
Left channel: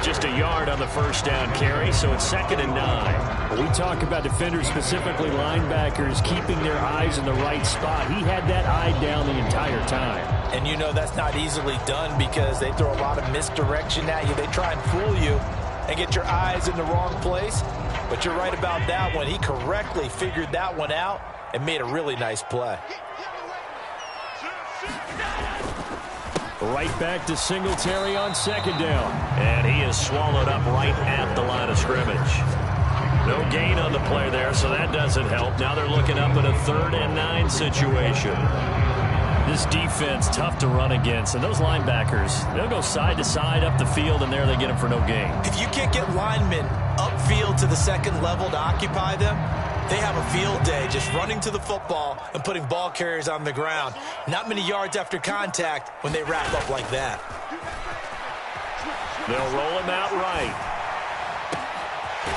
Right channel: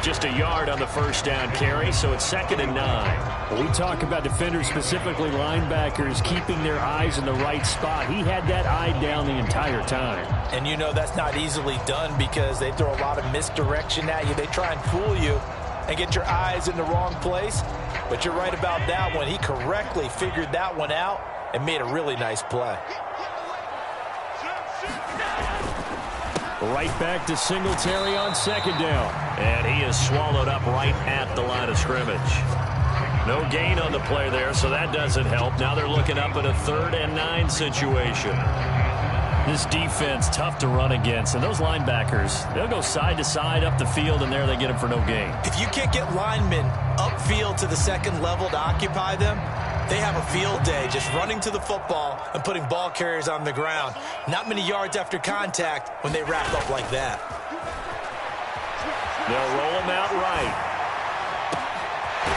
Just a yard on the 1st down carry, so it's 2nd and 9. When we talk about defenders, specifically linebackers, keeping their eyes in the right spot, he had that eye down the entire time. And you know that's not easily done because they throw a lot of misdirection at you. They try and fool you and get your eyes in the wrong place. But you're right about that one. He correctly figured that one out and made a really nice play. Right back to Singletary on second down. And he is swallowed up right at the line of scrimmage. No gain on the play there, so that doesn't help. Now they're looking up at a 3rd and 9 situation. This defense, tough to run against. And those linebackers, they'll go side to side up the field, and there they get them for no gain. If you can't get linemen upfield to the second level to occupy them, they have a field day just running to the football and putting ball carriers on the ground. Not many yards after contact when they wrap up like that. They'll roll him out right.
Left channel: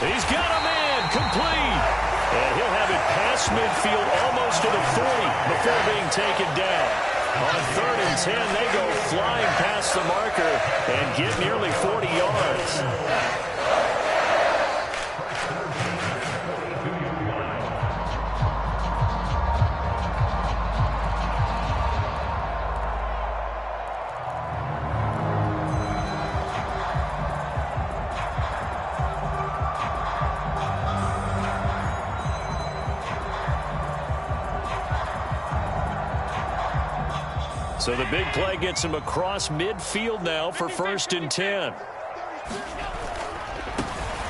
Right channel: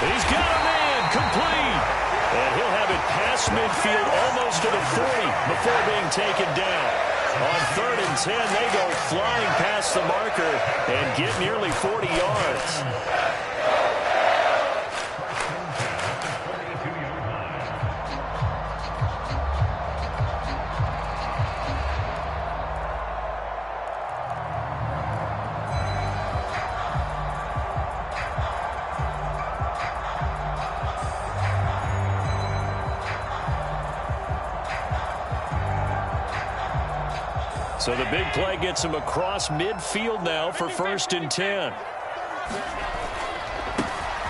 He's got a man, complete. And he'll have it past midfield almost to the 40 before being taken down. On 3rd and 10, they go flying past the marker and get nearly 40 yards. So the big play gets him across midfield now for 1st and 10.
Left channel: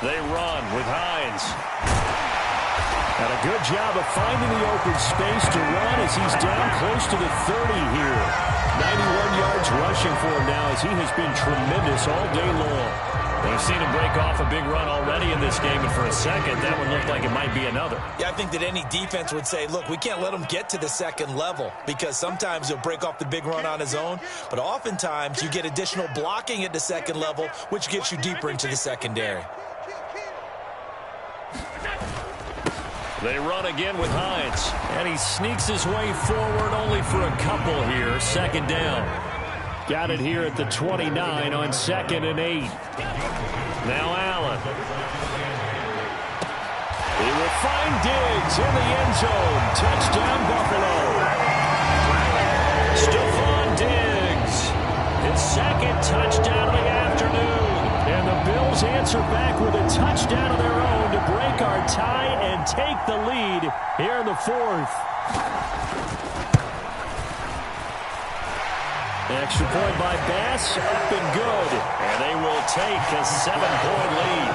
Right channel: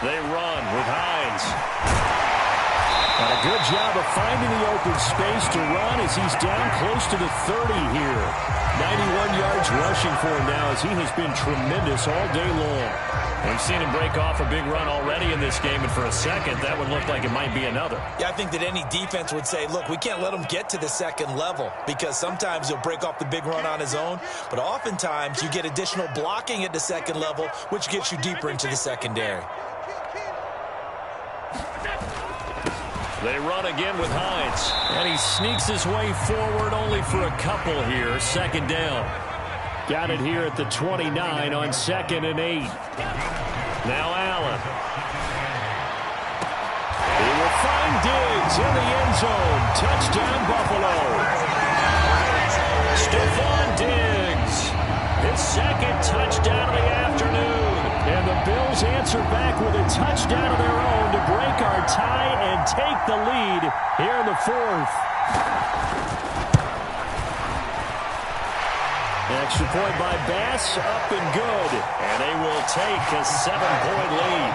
They run with Hines. Got a good job of finding the open space to run as he's down close to the 30 here. 91 yards rushing for him now as he has been tremendous all day long. We've seen him break off a big run already in this game, and for a second, that one looked like it might be another. Yeah, I think that any defense would say, look, we can't let him get to the second level because sometimes he'll break off the big run on his own, but oftentimes you get additional blocking at the second level, which gets you deeper into the secondary. They run again with Hines. And he sneaks his way forward only for a couple here. 2nd down. Got it here at the 29 on 2nd and 8. Now Allen. He will find Diggs in the end zone. Touchdown, Buffalo. Stephon Diggs. His 2nd touchdown of the afternoon. And the Bills answer back with a touchdown of their own to break our tie and take the lead here in the 4th. Extra point by Bass, up and good. And they will take a 7-point lead.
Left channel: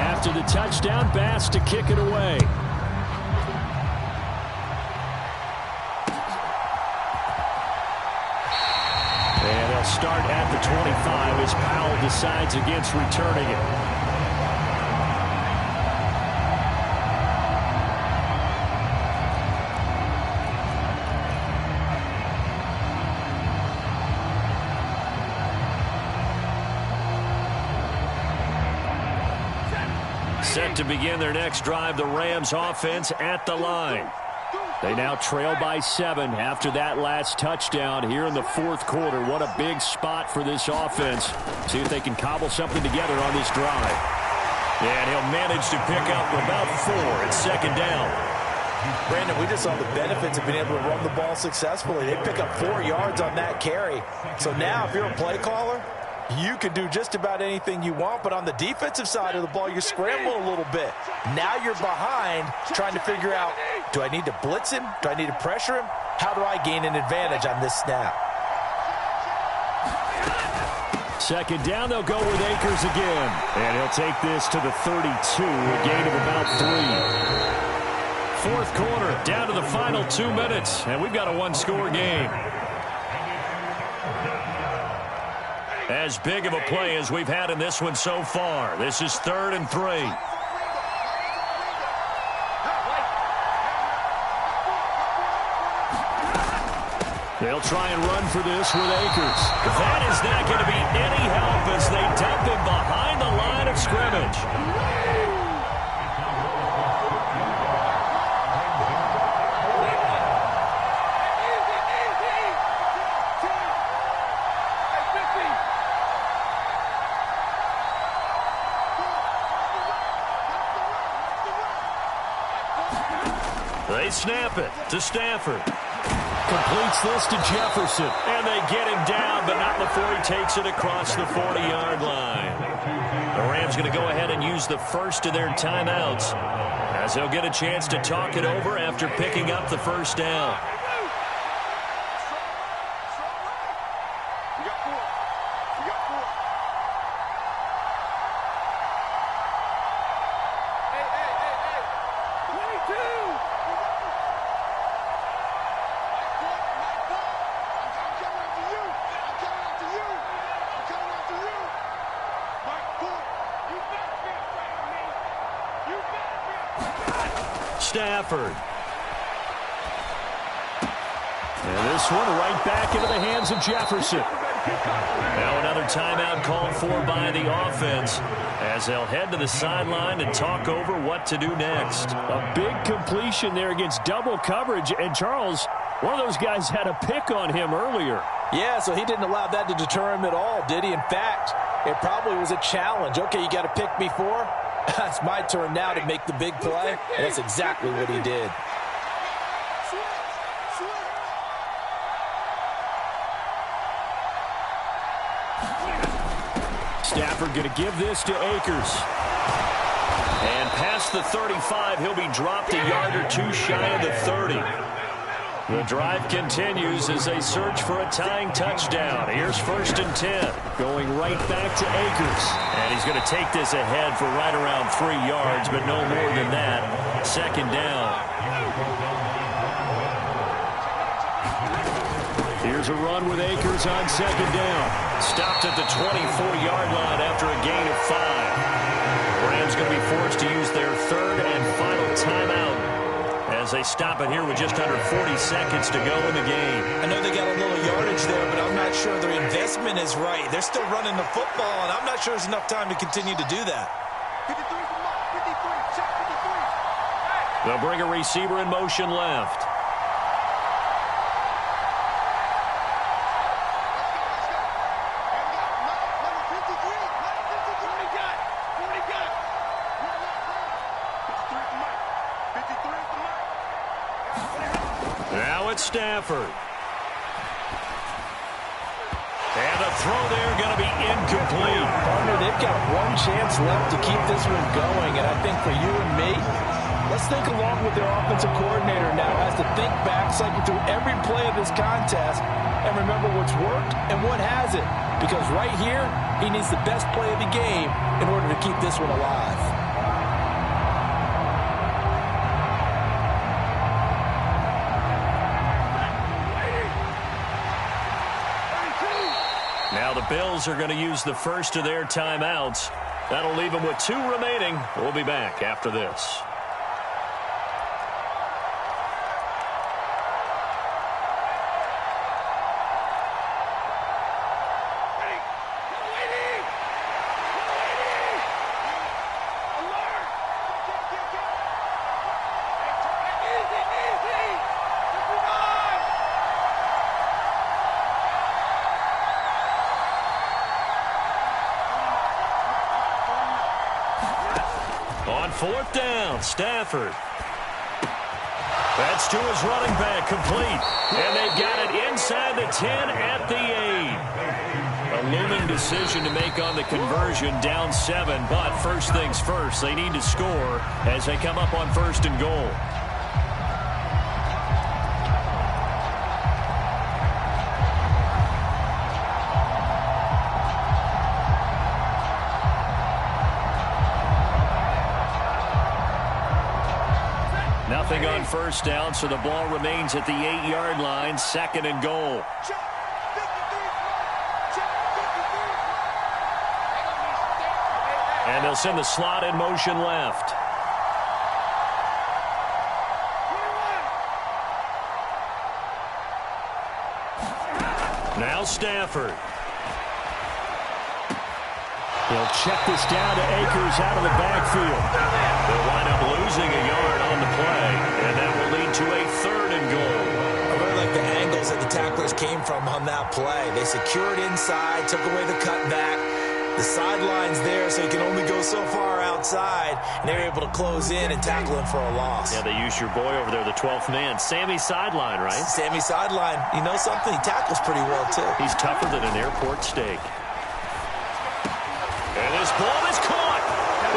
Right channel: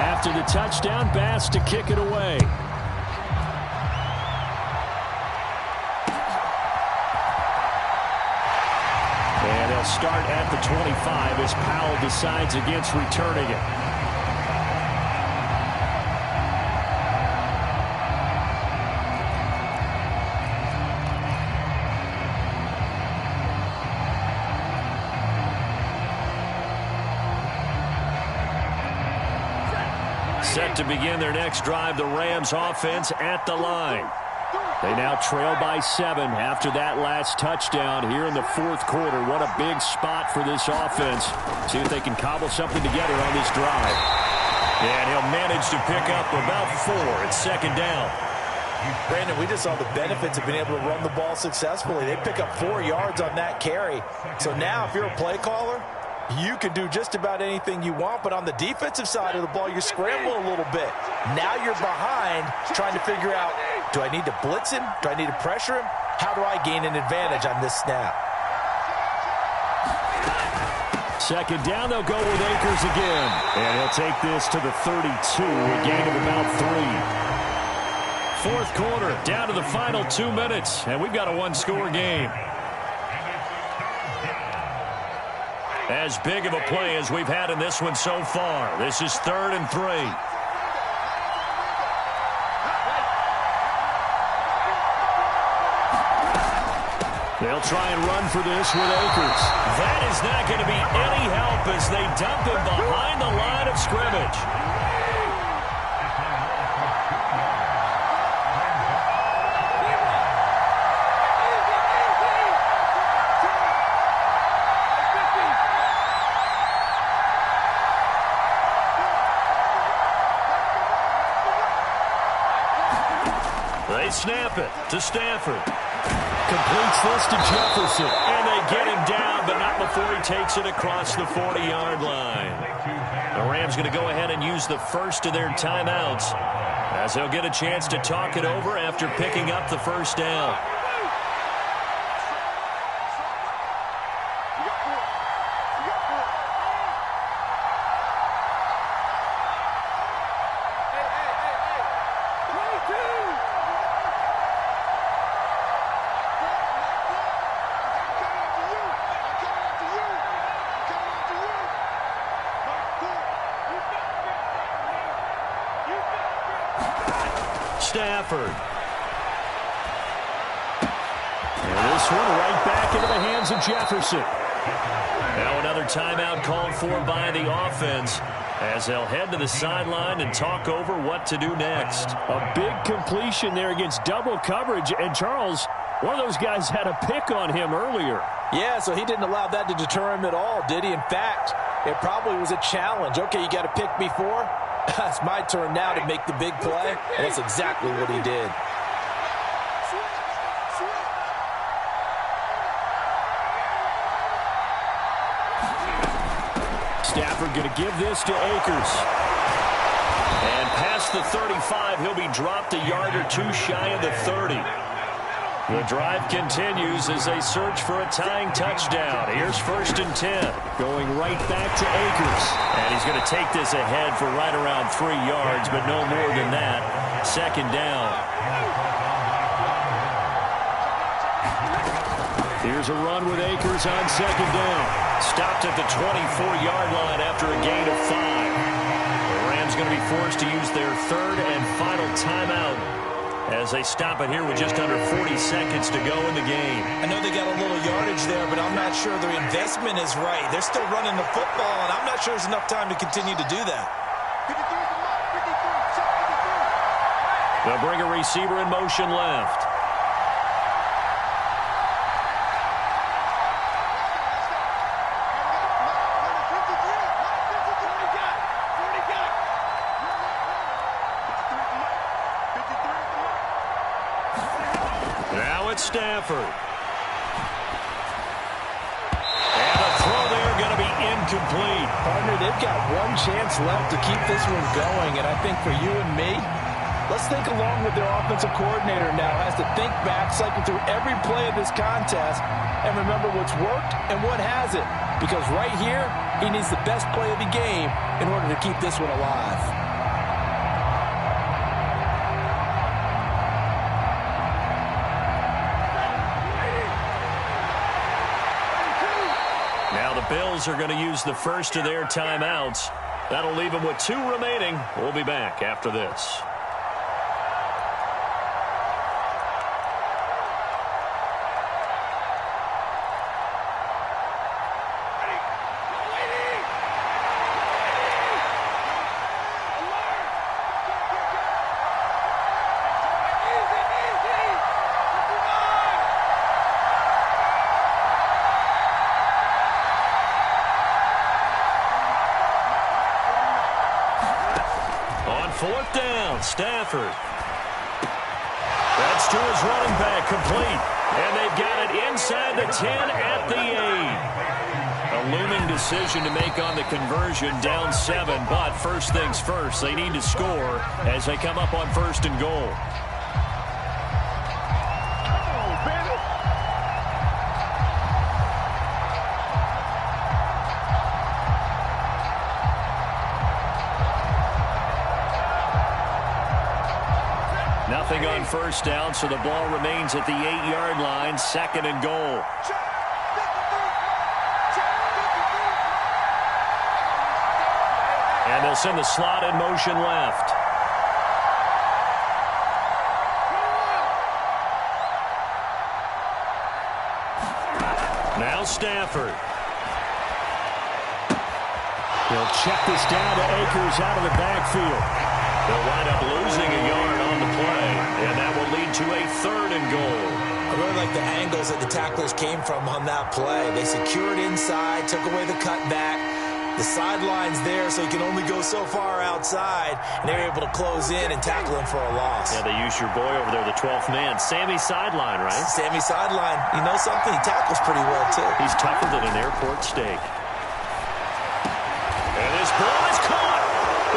After the touchdown, Bass to kick it away. And they'll start at the 25 as Powell decides against returning it. Set to begin their next drive, the Rams offense at the line. They now trail by 7 after that last touchdown here in the 4th quarter. What a big spot for this offense. See if they can cobble something together on this drive. And he'll manage to pick up about 4 at 2nd down. Brandon, we just saw the benefits of being able to run the ball successfully. They pick up 4 yards on that carry. So now if you're a play caller, you can do just about anything you want, but on the defensive side of the ball, you scramble a little bit. Now you're behind trying to figure out, do I need to blitz him? Do I need to pressure him? How do I gain an advantage on this snap? 2nd down, they'll go with Akers again. And he'll take this to the 32, a gain of about 3. 4th quarter, down to the final 2 minutes, and we've got a 1-score game. As big of a play as we've had in this one so far. This is 3rd and 3. They'll try and run for this with Akers. That is not going to be any help as they dump him behind the line of scrimmage. They snap it to Stafford. completes this to Jefferson. And they get him down, but not before he takes it across the 40-yard line. The Rams going to go ahead and use the first of their timeouts, as they'll get a chance to talk it over after picking up the first down. Stafford. And this one right back into the hands of Jefferson. Now another timeout called for by the offense, as they'll head to the sideline and talk over what to do next. A big completion there against double coverage. And Charles, one of those guys had a pick on him earlier. Yeah, so he didn't allow that to deter him at all, did he? In fact, it probably was a challenge. Okay, you got to pick me for? It's my turn now to make the big play, and that's exactly what he did. Stafford going to give this to Akers. And past the 35, he'll be dropped a yard or two shy of the 30. The drive continues as they search for a tying touchdown. Here's 1st and 10. Going right back to Akers. And he's going to take this ahead for right around 3 yards, but no more than that. 2nd down. Here's a run with Akers on 2nd down. Stopped at the 24-yard line after a gain of 5. The Rams going to be forced to use their 3rd and final timeout, as they stop it here with just under 40 seconds to go in the game. I know they got a little yardage there, but I'm not sure their investment is right. They're still running the football, and I'm not sure there's enough time to continue to do that. 53 is the mark. 53. Check 53. They'll bring a receiver in motion left. Let's go. And we got Mike, number 53. Mike, 53. 40 got. 40 got. 53 for Mike. 53 for Mike. Now it's Stafford. And the throw there going to be incomplete. Partner, they've got one chance left to keep this one going, and I think for you and me, let's think along with their offensive coordinator now has to think back, cycle through every play of this contest, and remember what's worked and what hasn't. Because right here, he needs the best play of the game in order to keep this one alive. Now the Bills are going to use the first of their timeouts. That'll leave them with 2 remaining. We'll be back after this. On 4th down, Stafford. That's to his running back, complete. And they've got it inside the 10 at the 8. A looming decision to make on the conversion, down 7. But first things first, they need to score as they come up on 1st and goal. Nothing on 1st down, so the ball remains at the 8-yard line, 2nd and goal. And they'll send the slot in motion left. Now Stafford. He'll check this down to Akers out of the backfield. They'll wind up losing a yard on the play, and that will lead to a 3rd and goal. I really like the angles that the tacklers came from on that play. They secured inside, took away the cutback, The sideline's there, so he can only go so far outside, and they're able to close in and tackle him for a loss. Yeah, they use your boy over there, the 12th man. Sammy sideline, right? Sammy sideline. You know something? He tackles pretty well, too. He's tougher than an airport steak. And this ball is caught.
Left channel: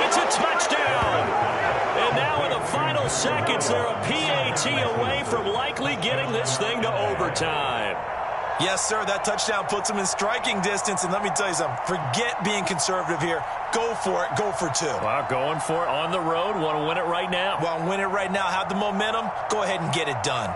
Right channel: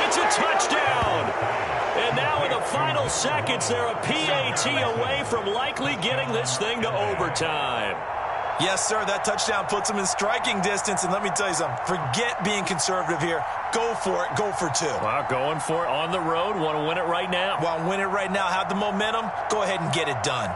It's a touchdown. And now in the final seconds, they're a PAT away from likely getting this thing to overtime. Yes, sir, that touchdown puts them in striking distance. And let me tell you something, forget being conservative here. Go for it. Go for two. Wow, going for it on the road. Want to win it right now? Want to win it right now, have the momentum, go ahead and get it done.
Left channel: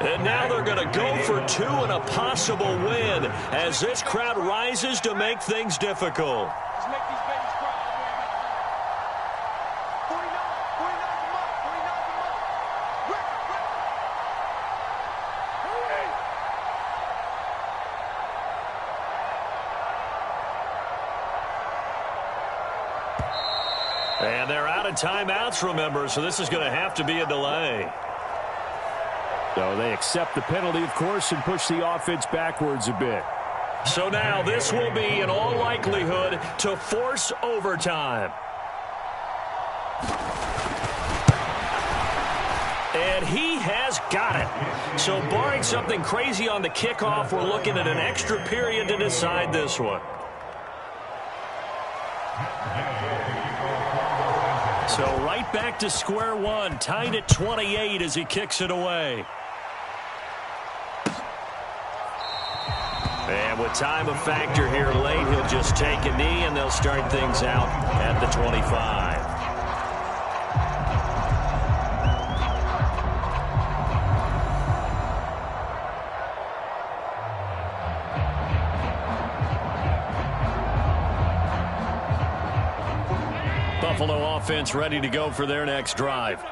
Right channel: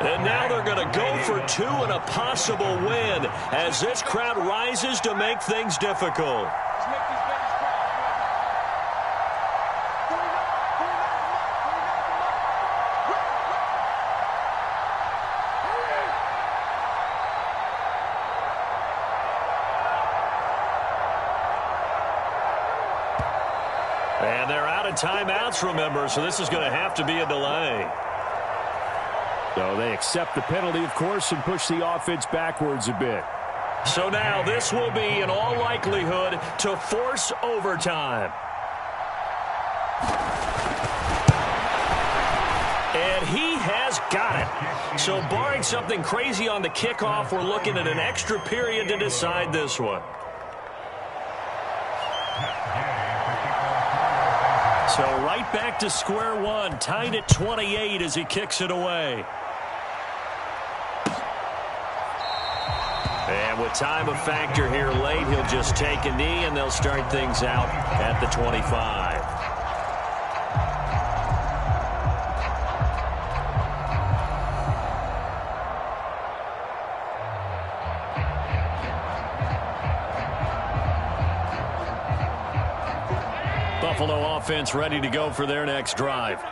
And now they're going to go for two and a possible win as this crowd rises to make things difficult. Let's make these babies cry. 49 the mic, 49 the mic. Record. Hurry! And they're out of timeouts, remember, so this is going to have to be a delay. So they accept the penalty, of course, and push the offense backwards a bit. So now this will be, in all likelihood, to force overtime. And he has got it. So barring something crazy on the kickoff, we're looking at an extra period to decide this one. So right back to square one, tied at 28 as he kicks it away. And with time a factor here late, he'll just take a knee and they'll start things out at the 25. Buffalo offense ready to go for their next drive.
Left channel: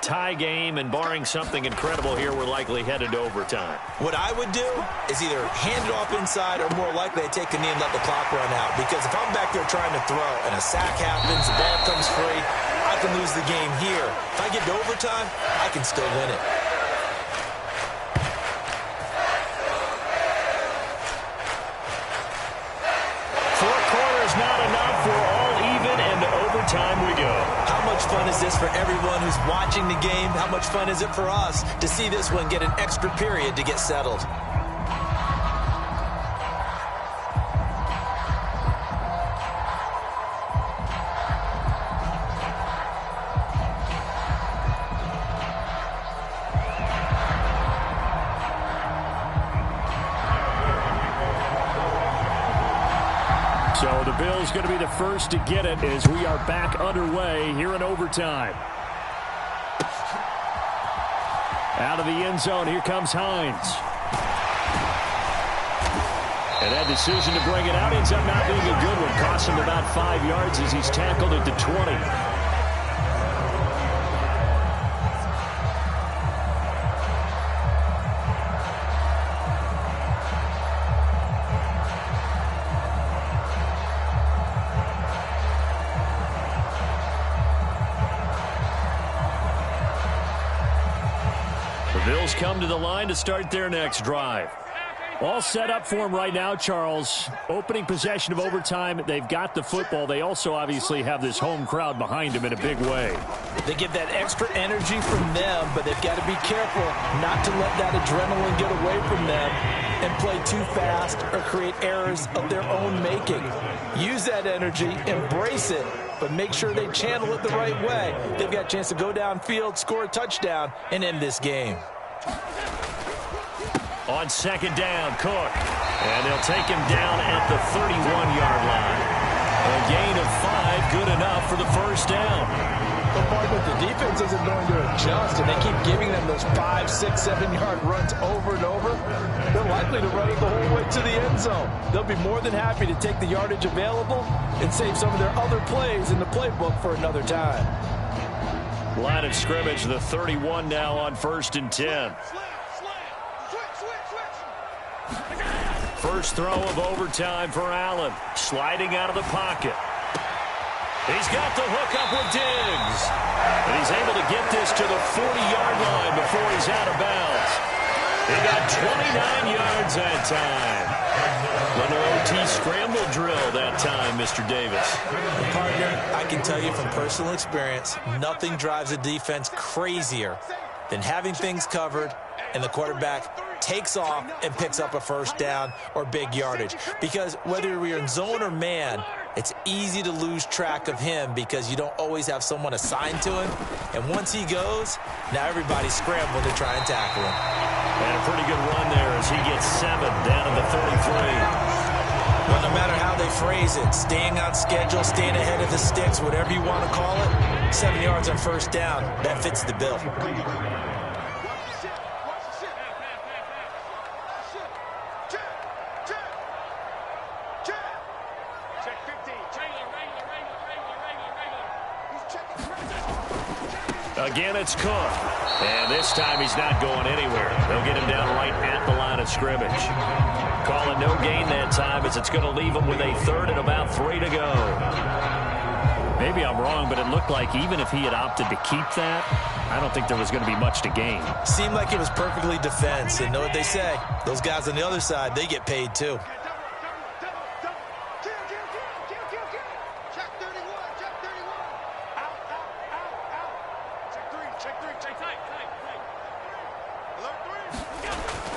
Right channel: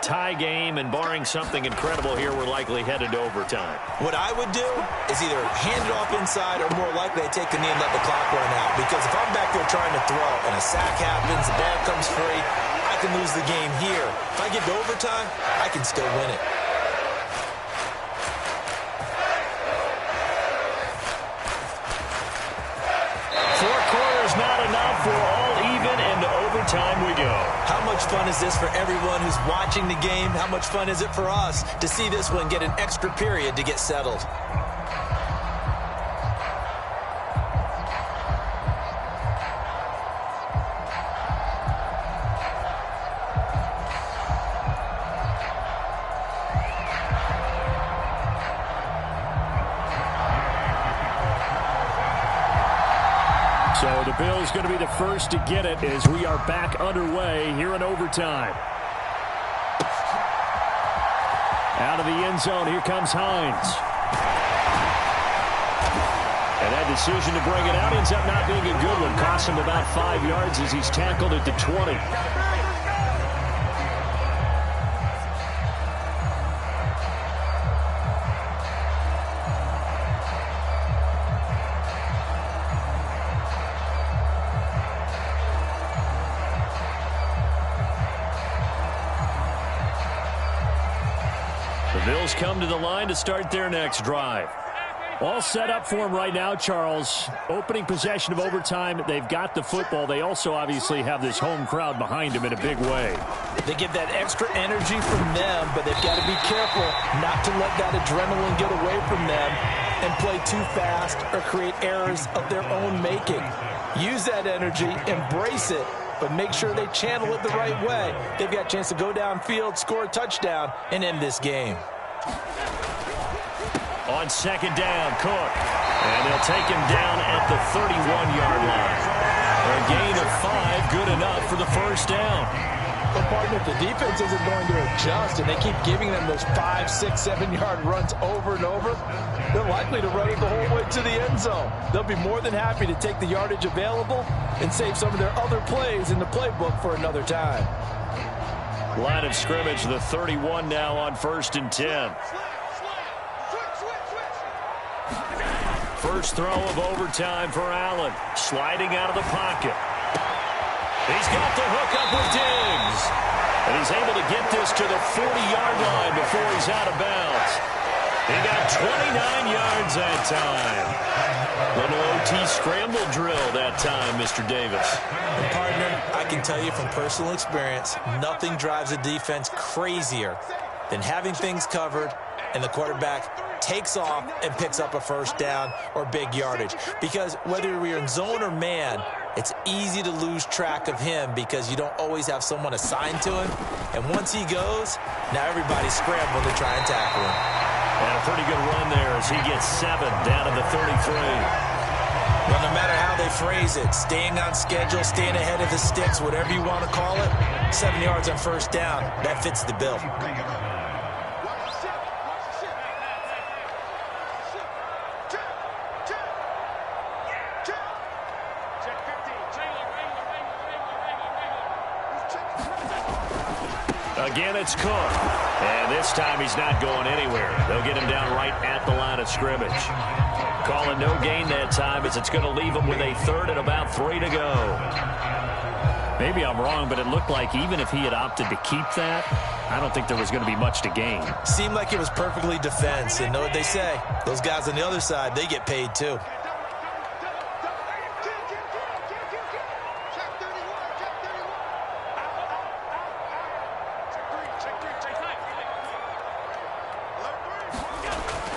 Tie game, and barring something incredible here, we're likely headed to overtime. What I would do is either hand it off inside or more likely I take a knee and let the clock run out. Because if I'm back there trying to throw and a sack happens, the ball comes free, I can lose the game here. If I get to overtime, I can still win it. Four quarters not enough. We're all even, and to overtime we go. How much fun is this for everyone who's watching the game? How much fun is it for us to see this one get an extra period to get settled? So the Bills going to be the first to get it as we are back underway here in overtime. Out of the end zone, here comes Hines. And that decision to bring it out ends up not being a good one. Costs him about 5 yards as he's tackled at the 20. The Bills come to the line to start their next drive. All set up for them right now, Charles. Opening possession of overtime. They've got the football. They also obviously have this home crowd behind them in a big way. They get that extra energy from them, but they've got to be careful not to let that adrenaline get away from them and play too fast or create errors of their own making. Use that energy, embrace it, but make sure they channel it the right way. They've got a chance to go downfield, score a touchdown, and end this game. On second down, Cook. And they'll take him down at the 31-yard line. A gain of 5, good enough for the first down. But, partner, if the defense isn't going to adjust and they keep giving them those 5, 6, 7-yard runs over and over, they're likely to run it the whole way to the end zone. They'll be more than happy to take the yardage available and save some of their other plays in the playbook for another time. Line of scrimmage, the 31 now on 1st and 10. First throw of overtime for Allen. Sliding out of the pocket. He's got the hook up with Diggs. And he's able to get this to the 40-yard line before he's out of bounds. He got 29 yards that time. Little OT scramble drill that time, Mr. Davis. And partner, I can tell you from personal experience, nothing drives a defense crazier than having things covered and the quarterback takes off and picks up a first down or big yardage. Because whether we're in zone or man, it's easy to lose track of him because you don't always have someone assigned to him. And once he goes, now everybody's scrambling to try and tackle him. And a pretty good run there as he gets 7 down to the 33. Well, no matter how they phrase it, staying on schedule, staying ahead of the sticks, whatever you want to call it, 7 yards on first down, that fits the bill. Again, it's Cook. And this time he's not going anywhere. They'll get him down right at the line of scrimmage. Calling no gain that time as it's going to leave him with a 3rd and about 3 to go. Maybe I'm wrong, but it looked like even if he had opted to keep that, I don't think there was going to be much to gain. Seemed like it was perfectly defense. And know what they say? Those guys on the other side, they get paid too.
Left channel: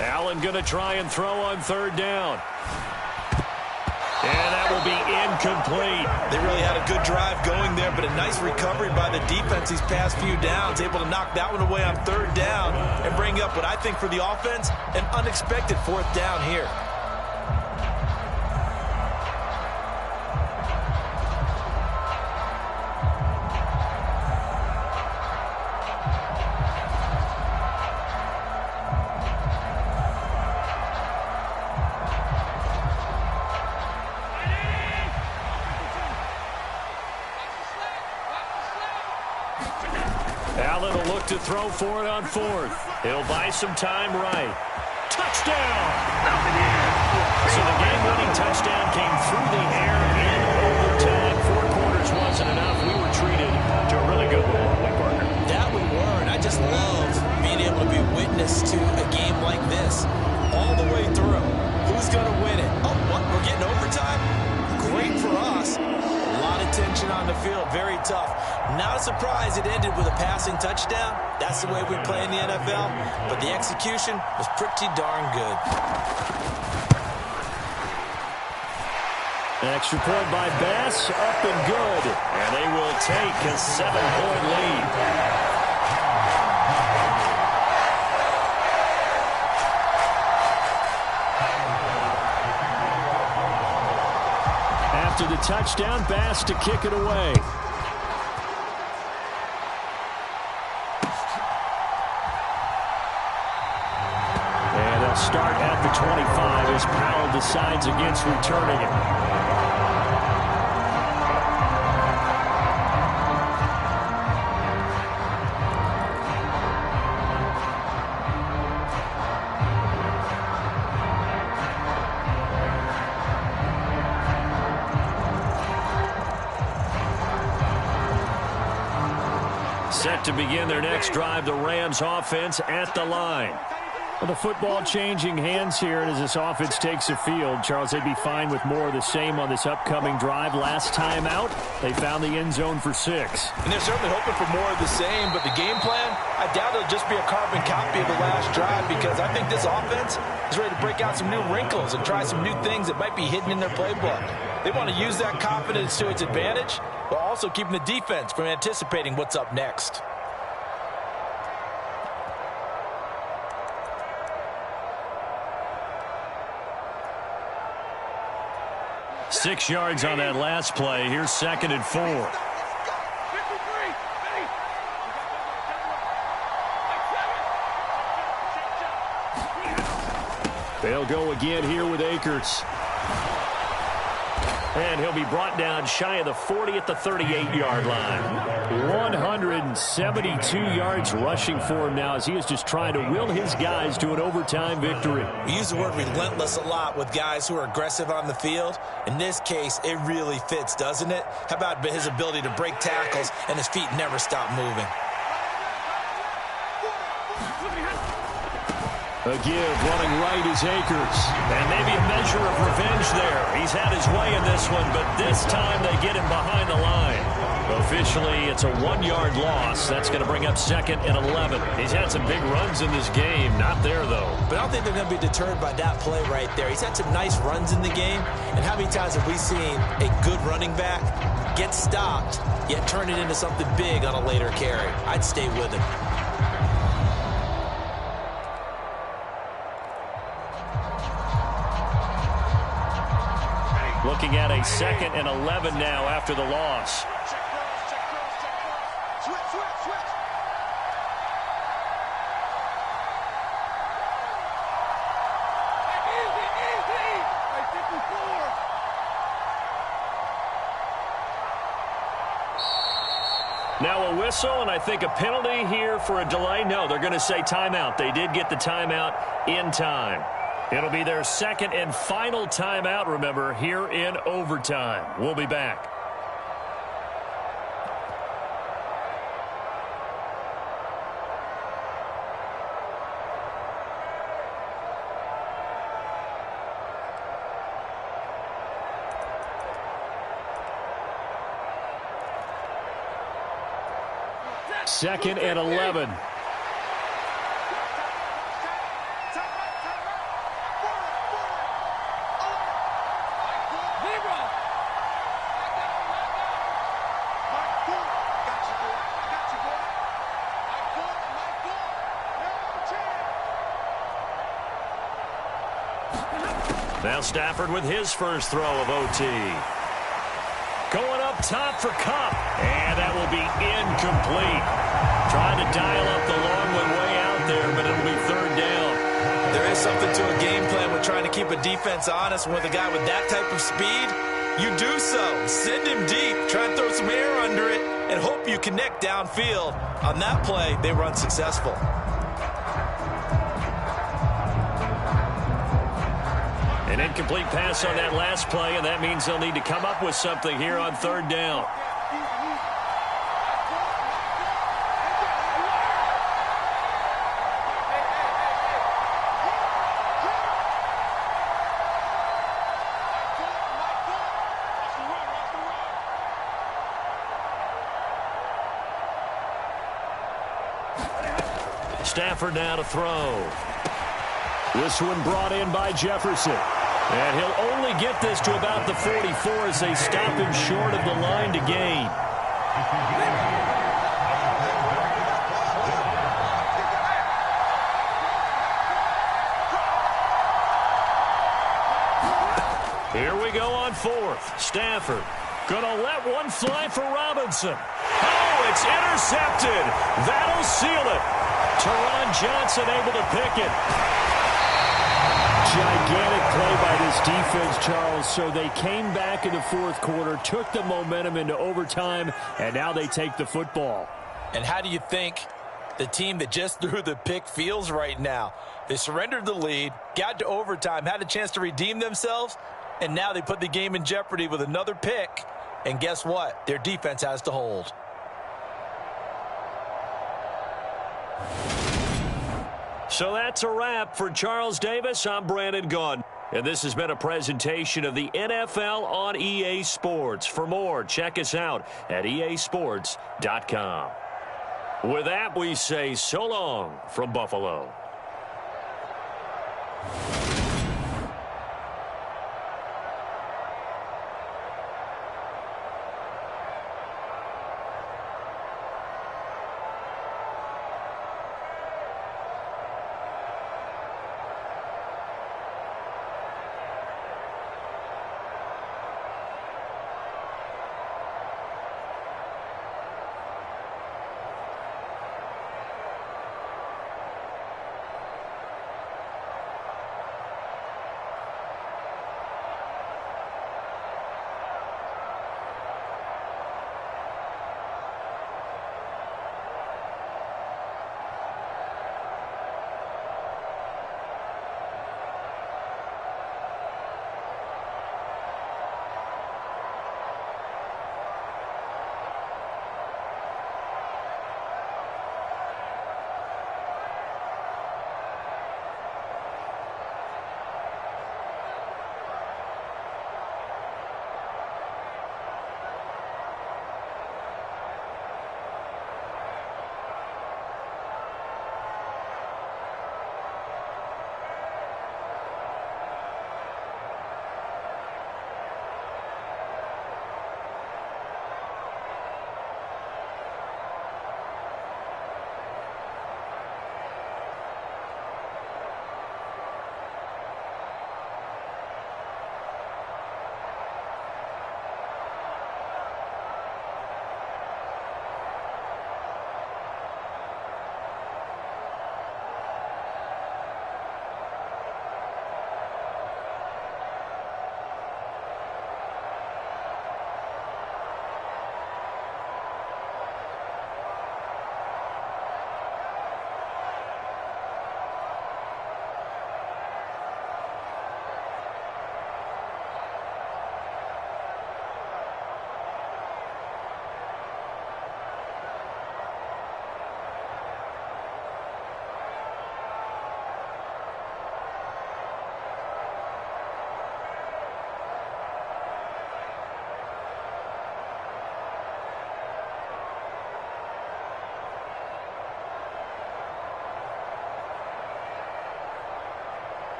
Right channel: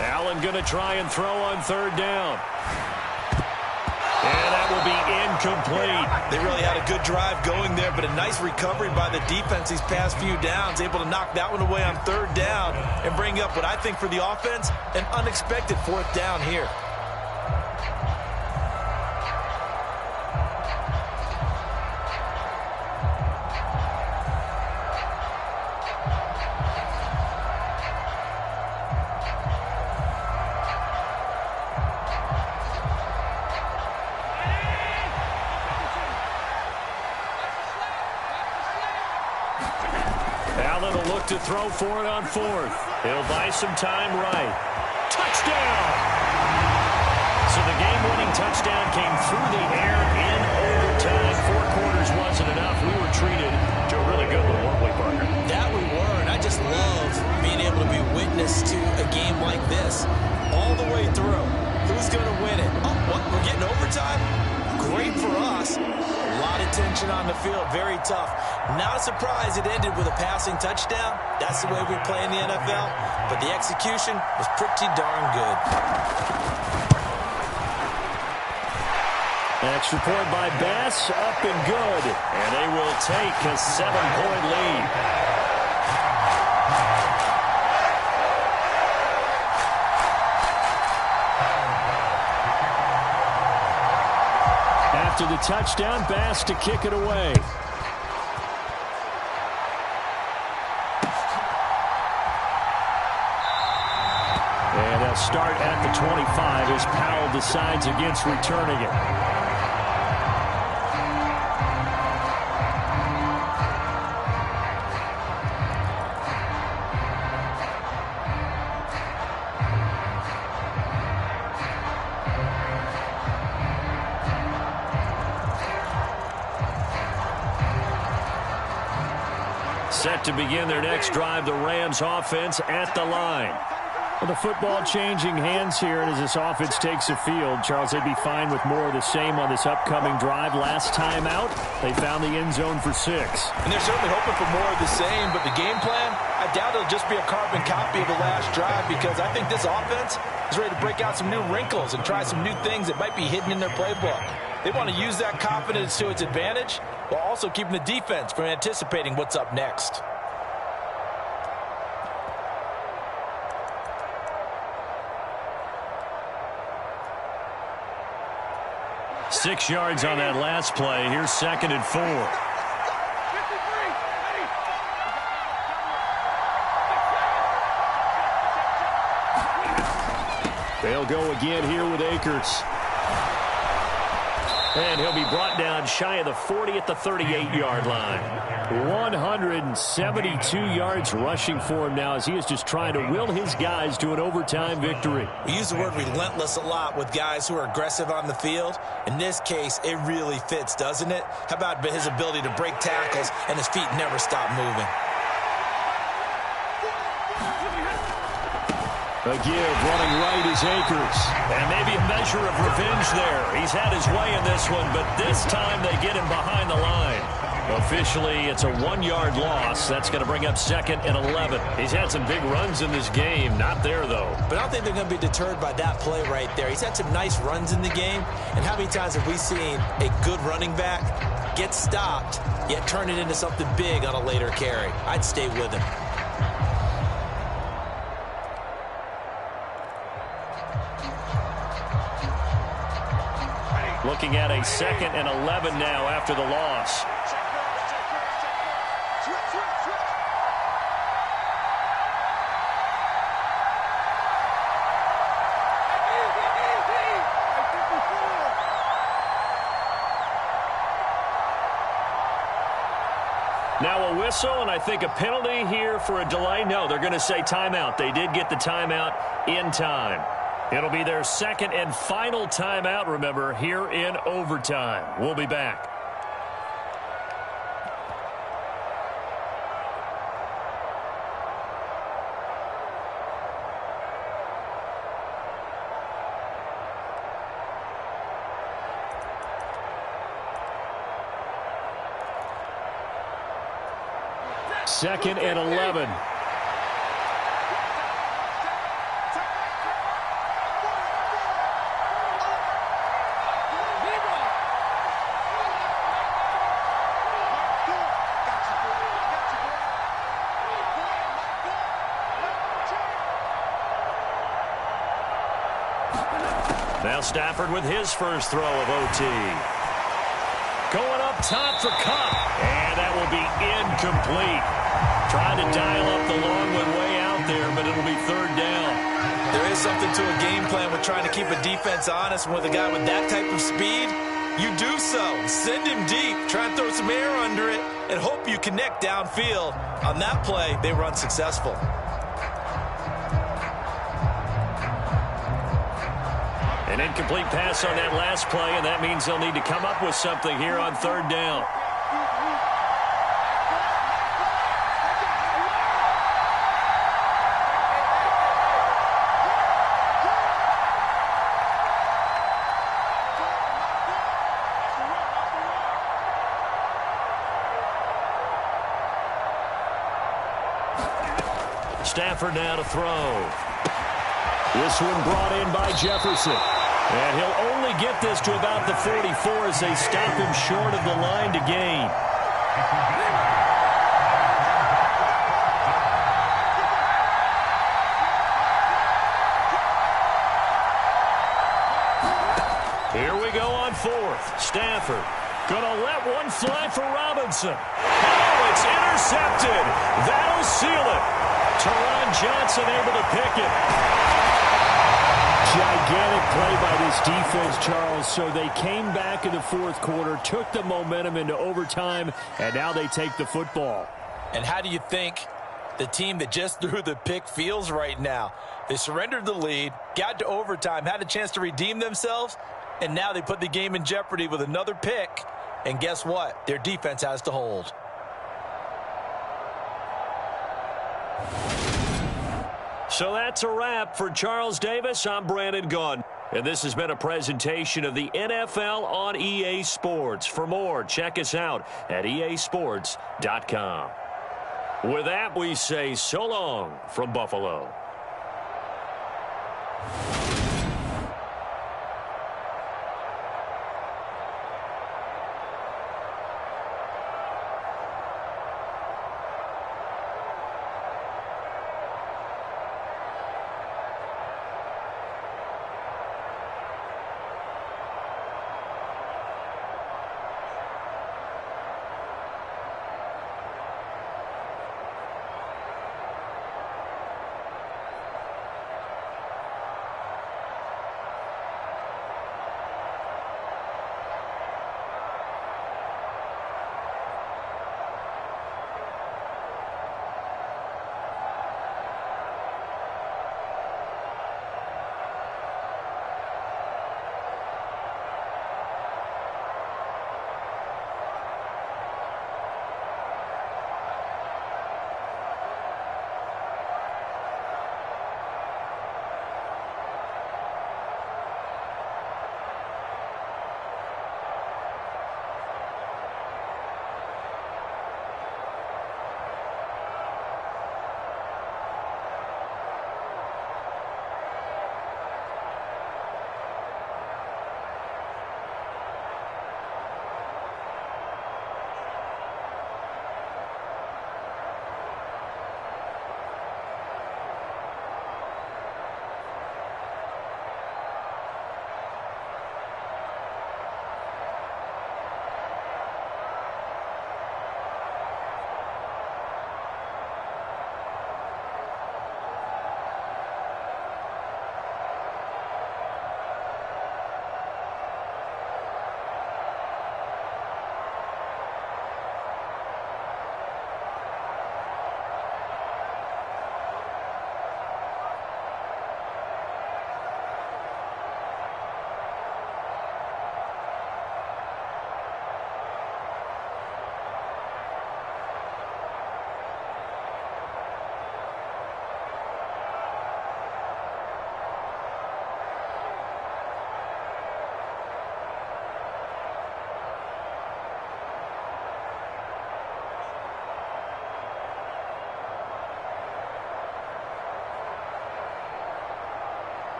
Allen going to try and throw on 3rd down. And that will be incomplete. They really had a good drive going there, but a nice recovery by the defense these past few downs, able to knock that one away on 3rd down and bring up what I think for the offense, an unexpected 4th down here. Allen will look to throw for it on 4th. He'll buy some time right. Touchdown! So the game-winning touchdown came through the air in overtime. 4 quarters wasn't enough. We were treated to a really good one, weren't we, Parker? That we were, and I just love being able to be witness to a game like this all the way through. Who's going to win it? Oh, what? We're getting overtime? Great for us. A lot of tension on the field, very tough. Not a surprise it ended with a passing touchdown. That's the way we play in the NFL. But the execution was pretty darn good. An extra point by Bass, up and good. And they will take a 7-point lead. After the touchdown, Bass to kick it away. And they'll start at the 25 as Powell decides against returning it. Set to begin their next drive, the Rams offense at the line. Well, the football changing hands here, and as this offense takes the field, Charles, they'd be fine with more of the same on this upcoming drive. Last time out, they found the end zone for 6. And they're certainly hoping for more of the same, but the game plan, I doubt it'll just be a carbon copy of the last drive, because I think this offense is ready to break out some new wrinkles and try some new things that might be hidden in their playbook. They want to use that confidence to its advantage, while also keeping the defense from anticipating what's up next. Six yards on that last play. Here's 2nd and 4. They'll go again here with Akers. And he'll be brought down shy of the 40 at the 38-yard line. 172 yards rushing for him now as he is just trying to will his guys to an overtime victory. We use the word relentless a lot with guys who are aggressive on the field. In this case, it really fits, doesn't it? How about his ability to break tackles and his feet never stop moving? A give running right is Akers. And maybe a measure of revenge there. He's had his way in this one, but this time they get him behind the line. Officially, it's a 1-yard loss. That's going to bring up 2nd and 11. He's had some big runs in this game. Not there, though. But I don't think they're going to be deterred by that play right there. He's had some nice runs in the game. And how many times have we seen a good running back get stopped, yet turn it into something big on a later carry? I'd stay with him. Looking at a 2nd and 11 now after the loss. Check cross, check cross, check cross. Switch, switch, switch. Hey, easy, easy. Hey, 54. Now a whistle, and I think a penalty here for a delay. No, they're going to say timeout. They did get the timeout in time. It'll be their 2nd and final timeout, remember, here in overtime. We'll be back. Second and 11. Now Stafford with his first throw of OT. Going up top for Kupp. And that will be incomplete. Trying to dial up the long one way out there, but it'll be 3rd down. There is something to a game plan with trying to keep a defense honest. With a guy with that type of speed, you do so. Send him deep. Try and throw some air under it and hope you connect downfield. On that play, they were unsuccessful. An incomplete pass on that last play, and that means they'll need to come up with something here on 3rd down. Stafford now to throw. This one brought in by Jefferson. And he'll only get this to about the 44 as they stop him short of the line to gain. Here we go on 4th. Stafford gonna let one fly for Robinson. Oh, it's intercepted. That'll seal it. Teron Johnson able to pick it. Gigantic play by this defense, Charles. So they came back in the 4th quarter, took the momentum into overtime, and now they take the football. And how do you think the team that just threw the pick feels right now? They surrendered the lead, got to overtime, had a chance to redeem themselves, and now they put the game in jeopardy with another pick. And guess what? Their defense has to hold. So that's a wrap for Charles Davis. I'm Brandon Gunn. And this has been a presentation of the NFL on EA Sports. For more, check us out at easports.com. With that, we say so long from Buffalo.